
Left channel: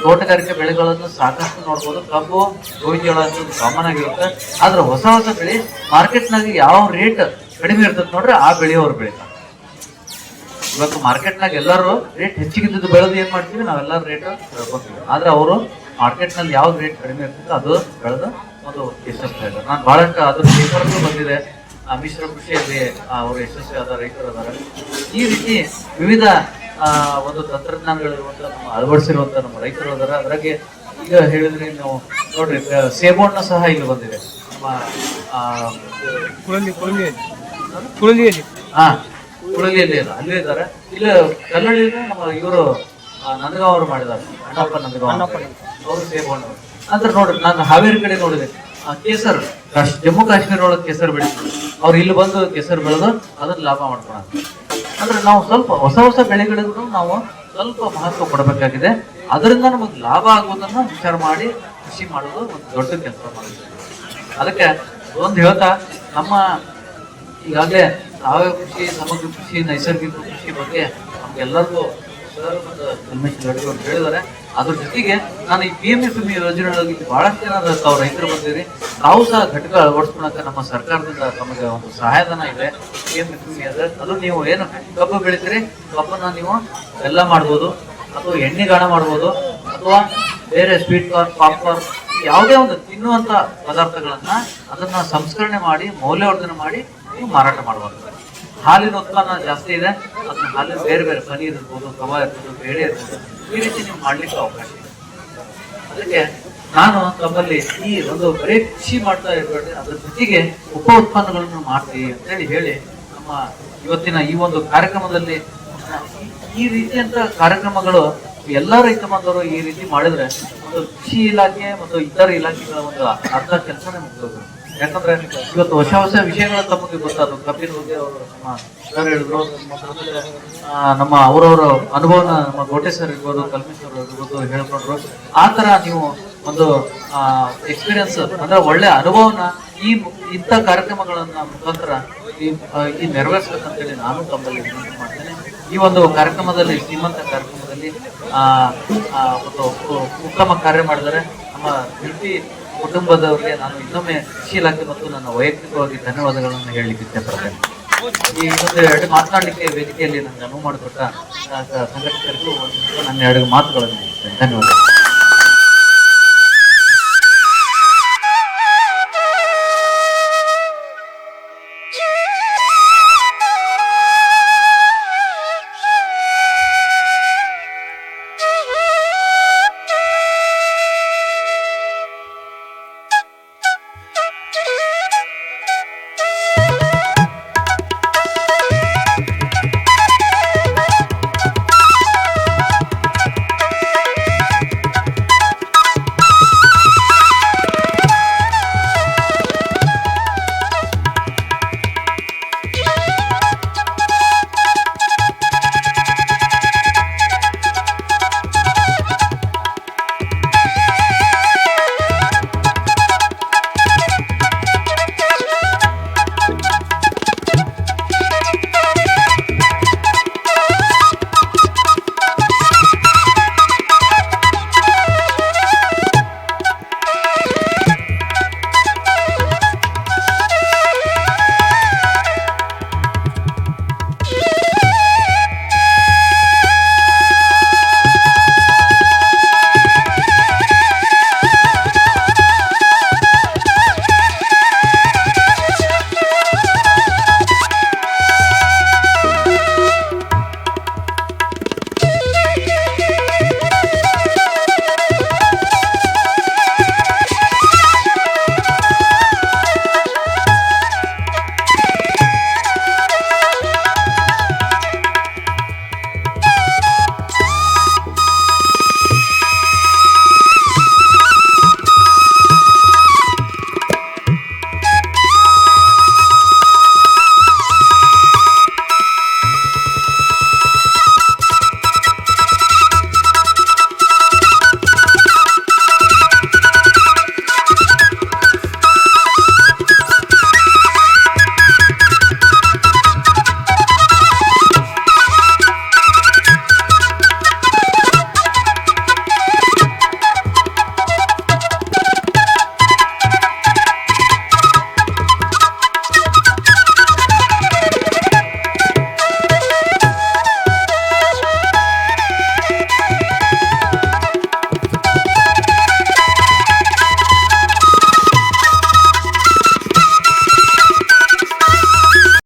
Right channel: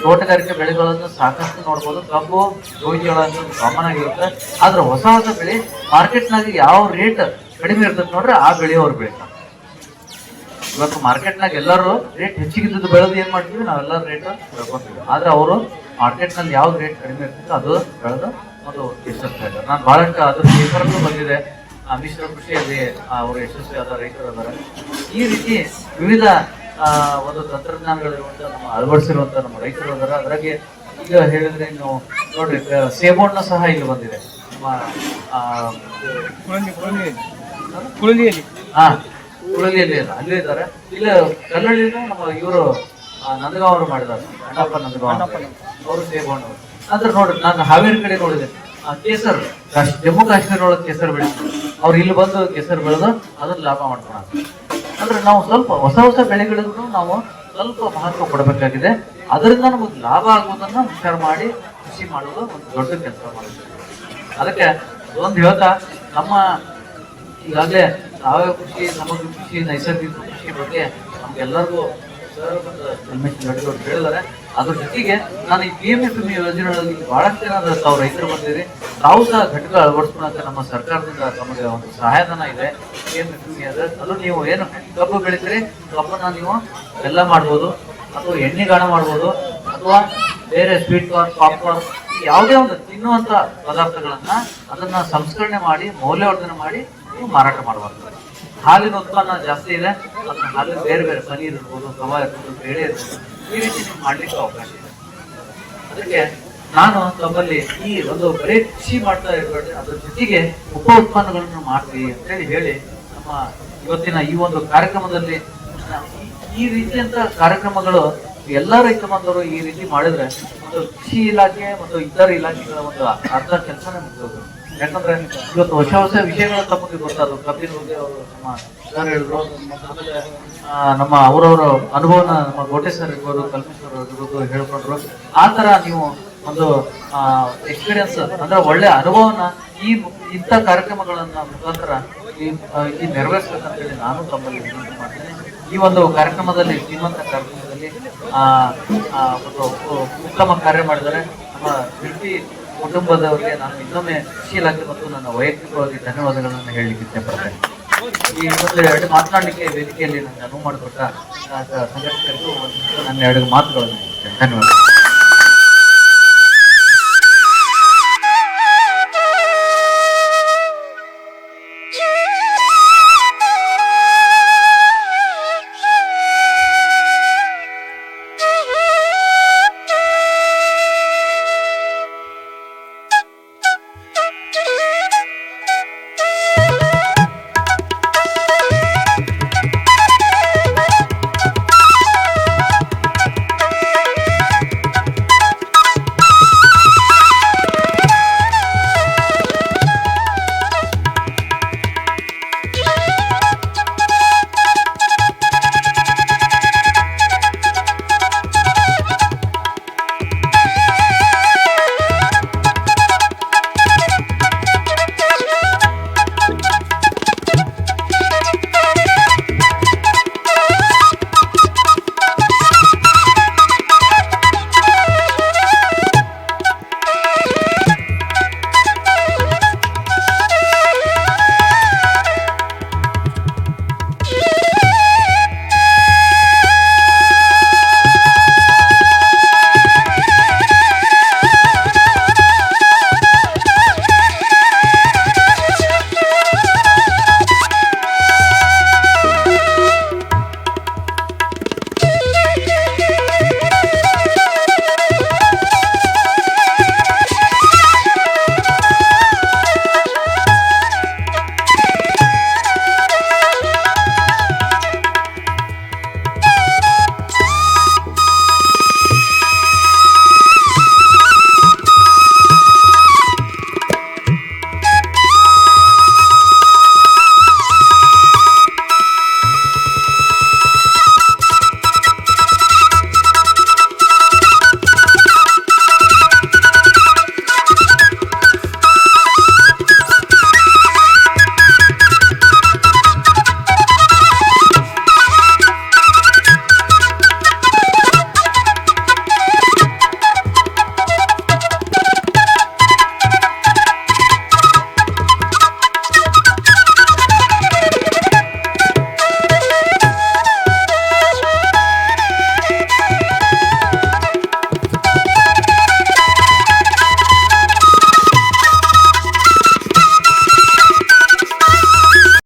ತೋಟಗಾರಿಕೆ ಬೆಳೆಗಳನ್ನು ಸಾಕಷ್ಟು ನೋಡ್ಬೋದು. ಕಬ್ಬು ಗೋಧಿ ಜೋಳ ಅಂತ ಕಾಮನ್ ಆಗಿರುತ್ತೆ ಆದ್ರೆ ಹೊಸ ಹೊಸ ಬೆಳೆ ಮಾರ್ಕೆಟ್ನಾಗ ಯಾವ ರೇಟ್ ಕಡಿಮೆ ಇರ್ತದೆ ನೋಡ್ರಿ ಆ ಬೆಳೆಯವ್ರು ಬೆಳಿತಾರೆ ಇವತ್ತು ಮಾರ್ಕೆಟ್ನಾಗ ಎಲ್ಲರೂ ರೇಟ್ ಹೆಚ್ಚಿಗಿದ್ದು ಬೆಳೆದು ಏನ್ ಮಾಡ್ತೀವಿ? ನಾವೆಲ್ಲರೂ ರೇಟ್ ಬೆಳ್ಕೊಂತೀವಿ ಆದ್ರೆ ಅವರು ಮಾರ್ಕೆಟ್ನಲ್ಲಿ ಯಾವ ರೇಟ್ ಕಡಿಮೆ ಇರ್ತದೆ ಅದು ಬೆಳೆದು ಅದು ಯಶಸ್ವಿ ಆಗ ನಾನು ಬಹಳಷ್ಟು ಅದು ಪೇಪರ್ಗೂ ಬಂದಿದೆ. ಮಿಶ್ರ ಕೃಷಿಯಲ್ಲಿ ಅವರು ಯಶಸ್ವಿ ಆದ ರೈತರು ಈ ರೀತಿ ವಿವಿಧ ಒಂದು ತಂತ್ರಜ್ಞಾನಗಳಿರುವಂತ ನಮ್ಮ ಅಳವಡಿಸಿರುವಂತ ನಮ್ಮ ರೈತರು ಅದರ ಅದ್ರಾಗೆ ಈಗ ಹೇಳಿದ್ರೆ ನೀವು ನೋಡ್ರಿ ಸೇಬಣ್ಣು ಸಹ ಇಲ್ಲಿ ಬಂದಿದೆ. ನಮ್ಮ ಆ, ಹಾ ಕುಳಲಿಯಲ್ಲಿ ಇಲ್ಲ ಅಲ್ಲೇ ಇದ್ದಾರೆ. ಇಲ್ಲ ಕಲ್ಲಳ್ಳಿ ಇವರು ನಂದಗಾಂವ್ ಅವರು ಮಾಡಿದ್ದಾರೆ. ಅಣ್ಣಪ್ಪ ನಂದಗಾಂವ್ ಅವರು. ಸೇಬಣ್ಣ ಅಂದ್ರೆ ನೋಡ್ರಿ ನಾನು ಹಾವೇರಿ ಕಡೆ ನೋಡಿದೆ. ಆ, ಕೇಸರ್ ಜಮ್ಮು ಕಾಶ್ಮೀರ ಒಳಗೆ ಕೇಸರ್ ಬೆಳಿತಾರೆ ಅವ್ರು ಇಲ್ಲಿ ಬಂದು ಕೇಸರ್ ಬೆಳೆದು ಅದನ್ನ ಲಾಭ ಮಾಡ್ಕೊಳಕ್ಕೆ ಅಂದ್ರೆ ನಾವು ಸ್ವಲ್ಪ ಹೊಸ ಹೊಸ ಬೆಳೆಗಳನ್ನು ನಾವು ಸ್ವಲ್ಪ ಮಹತ್ವ ಕೊಡಬೇಕಾಗಿದೆ. ಅದರಿಂದ ನಮಗೆ ಲಾಭ ಆಗುವುದನ್ನ ವಿಚಾರ ಮಾಡಿ ಕೃಷಿ ಮಾಡೋದು ಒಂದು ದೊಡ್ಡ ಕೆಲಸ ಅದಕ್ಕೆ ಒಂದು ಹೇಳ್ತಾ, ನಮ್ಮ ಈಗಾಗಲೇ ಸಾವಯವ ಕೃಷಿ, ಸಮಗ್ರ ಕೃಷಿ, ನೈಸರ್ಗಿಕ ಕೃಷಿ ಬಗ್ಗೆ ಎಲ್ಲರಿಗೂ ಸರ್ ಉಮೇಶ್ ಹೇಳಿದ್ದಾರೆ. ಅದ್ರ ಜೊತೆಗೆ ನಾನು ಈ ಪಿ ಎಂ ಎಫ್ ಯೋಜನೆಗಳಲ್ಲಿ ಬಹಳಷ್ಟು ಜನ ತಾವು ರೈತರು ಬಂದಿರಿ ತಾವು ಸಹ ಘಟಕ ಅಳವಡಿಸ್ಕೊಳಕ ನಮ್ಮ ಸರ್ಕಾರದಿಂದ ನಮಗೆ ಒಂದು ಸಹಾಯಧನ ಇದೆ. ಪಿ ಎಂ ಎಫ್ ಅದು ನೀವು ಏನು ಕಬ್ಬು ಬೆಳಿತೀರಿ ಕಬ್ಬನ್ನ ನೀವು ಎಲ್ಲ ಮಾಡ್ಬೋದು, ಅಥವಾ ಎಣ್ಣೆಗಾಣ ಮಾಡ್ಬೋದು, ಅಥವಾ ಬೇರೆ ಸ್ವೀಟ್ ಕಾರ್ನ್ ಪಾಪ್ಕಾರ್ನ್ ಯಾವುದೇ ಒಂದು ತಿನ್ನುವಂತ ಪದಾರ್ಥಗಳನ್ನ ಅದನ್ನ ಸಂಸ್ಕರಣೆ ಮಾಡಿ, ಮೌಲ್ಯವರ್ಧನೆ ಮಾಡಿ ನೀವು ಮಾರಾಟ ಮಾಡಬಾರ್ದು ಹಾಲಿನ ಉತ್ಪನ್ನ ಜಾಸ್ತಿ ಇದೆ, ಅದನ್ನ ಹಾಲು ಬೇರೆ ಬೇರೆ ಪನೀರ್ ಇರ್ಬೋದು ಕವ ಇರ್ಬೋದು, ಬೇಳೆ ಇರ್ಬೋದು, ಈ ರೀತಿ ನೀವು ಮಾಡ್ಲಿಕ್ಕೆ ಅವಕಾಶ ಇದೆ. ಅದಕ್ಕೆ ನಾನು ತಮ್ಮಲ್ಲಿ ಈ ಒಂದು ಬರೀ ಕೃಷಿ ಮಾಡ್ತಾ ಇರಬೇಡಿ, ಅದ್ರ ಜೊತೆಗೆ ಉಪ ಉತ್ಪನ್ನಗಳನ್ನು ಮಾಡ್ತೀವಿ ಅಂತ ಹೇಳಿ ಹೇಳಿ ನಮ್ಮ ಇವತ್ತಿನ ಈ ಒಂದು ಕಾರ್ಯಕ್ರಮದಲ್ಲಿ ಈ- ರೀತಿಯಂತ ಕಾರ್ಯಕ್ರಮಗಳು ಎಲ್ಲ ರೈತ ಈ ರೀತಿ ಮಾಡಿದ್ರೆ ಒಂದು ಕೃಷಿ ಇಲಾಖೆ ಮತ್ತು ಇತರ ಇಲಾಖೆಗಳ ಒಂದು ಅರ್ಧ ಕೆಲಸನೇ ಮುಗಿದೋದು ಯಾಕಂದ್ರೆ ಇವತ್ತು ಹೊಸ ಹೊಸ ವಿಷಯಗಳ ತಮಗೆ ಗೊತ್ತಾದ್ರು. ಕಪಿಲ್ ಅವರು ಸರ್ ಹೇಳಿದ್ರು. ಆಮೇಲೆ ನಮ್ಮ ಅವರವರ ಅನುಭವನ ನಮ್ಮ ಗೋಟೆ ಸರ್ ಇರ್ಬೋದು ಕಲ್ಮೇಶ್ವರ್ ಇರ್ಬೋದು ಹೇಳ್ಕೊಂಡ್ರು. ಆ ತರ ನೀವು ಒಂದು ಎಕ್ಸ್ಪೀರಿಯನ್ಸ್ ಅಂದ್ರೆ ಒಳ್ಳೆ ಅನುಭವನ ಈ ಇಂಥ ಕಾರ್ಯಕ್ರಮಗಳನ್ನ ಮುಖಾಂತರ ಈ ನೆರವೇರಿಸ್ಬೇಕಂತೇಳಿ ನಾನು ತಮ್ಮಲ್ಲಿ ಮಾಡ್ತೇನೆ. ಈ ಒಂದು ಕಾರ್ಯಕ್ರಮದಲ್ಲಿ ಶ್ರೀಮಂತ ಕಾರ್ಯಕ್ರಮದಲ್ಲಿ ಆ, ಒಂದು ಉತ್ತಮ ಕಾರ್ಯ ಮಾಡಿದರೆ ನಮ್ಮ ಶಿಲ್ಪಿ ಕುಟುಂಬದವರಿಗೆ ನಾನು ಇನ್ನೊಮ್ಮೆ ಶೀಲಕ್ಕೆ ಮತ್ತು ನನ್ನ ವೈಯಕ್ತಿಕವಾಗಿ ಧನ್ಯವಾದಗಳನ್ನು ಹೇಳಲಿಕ್ಕೆ ಇಷ್ಟಪಡ್ತೇನೆ ಈ ಒಂದು ಎರಡು ಮಾತನಾಡಲಿಕ್ಕೆ ವೇದಿಕೆಯಲ್ಲಿ ನಾನು ಅನುವು ಮಾಡಿಕೊಟ್ಟ ಸಂಘಟಕರಿಗೂ ನನ್ನ ಎರಡು ಮಾತುಗಳನ್ನು. ಧನ್ಯವಾದ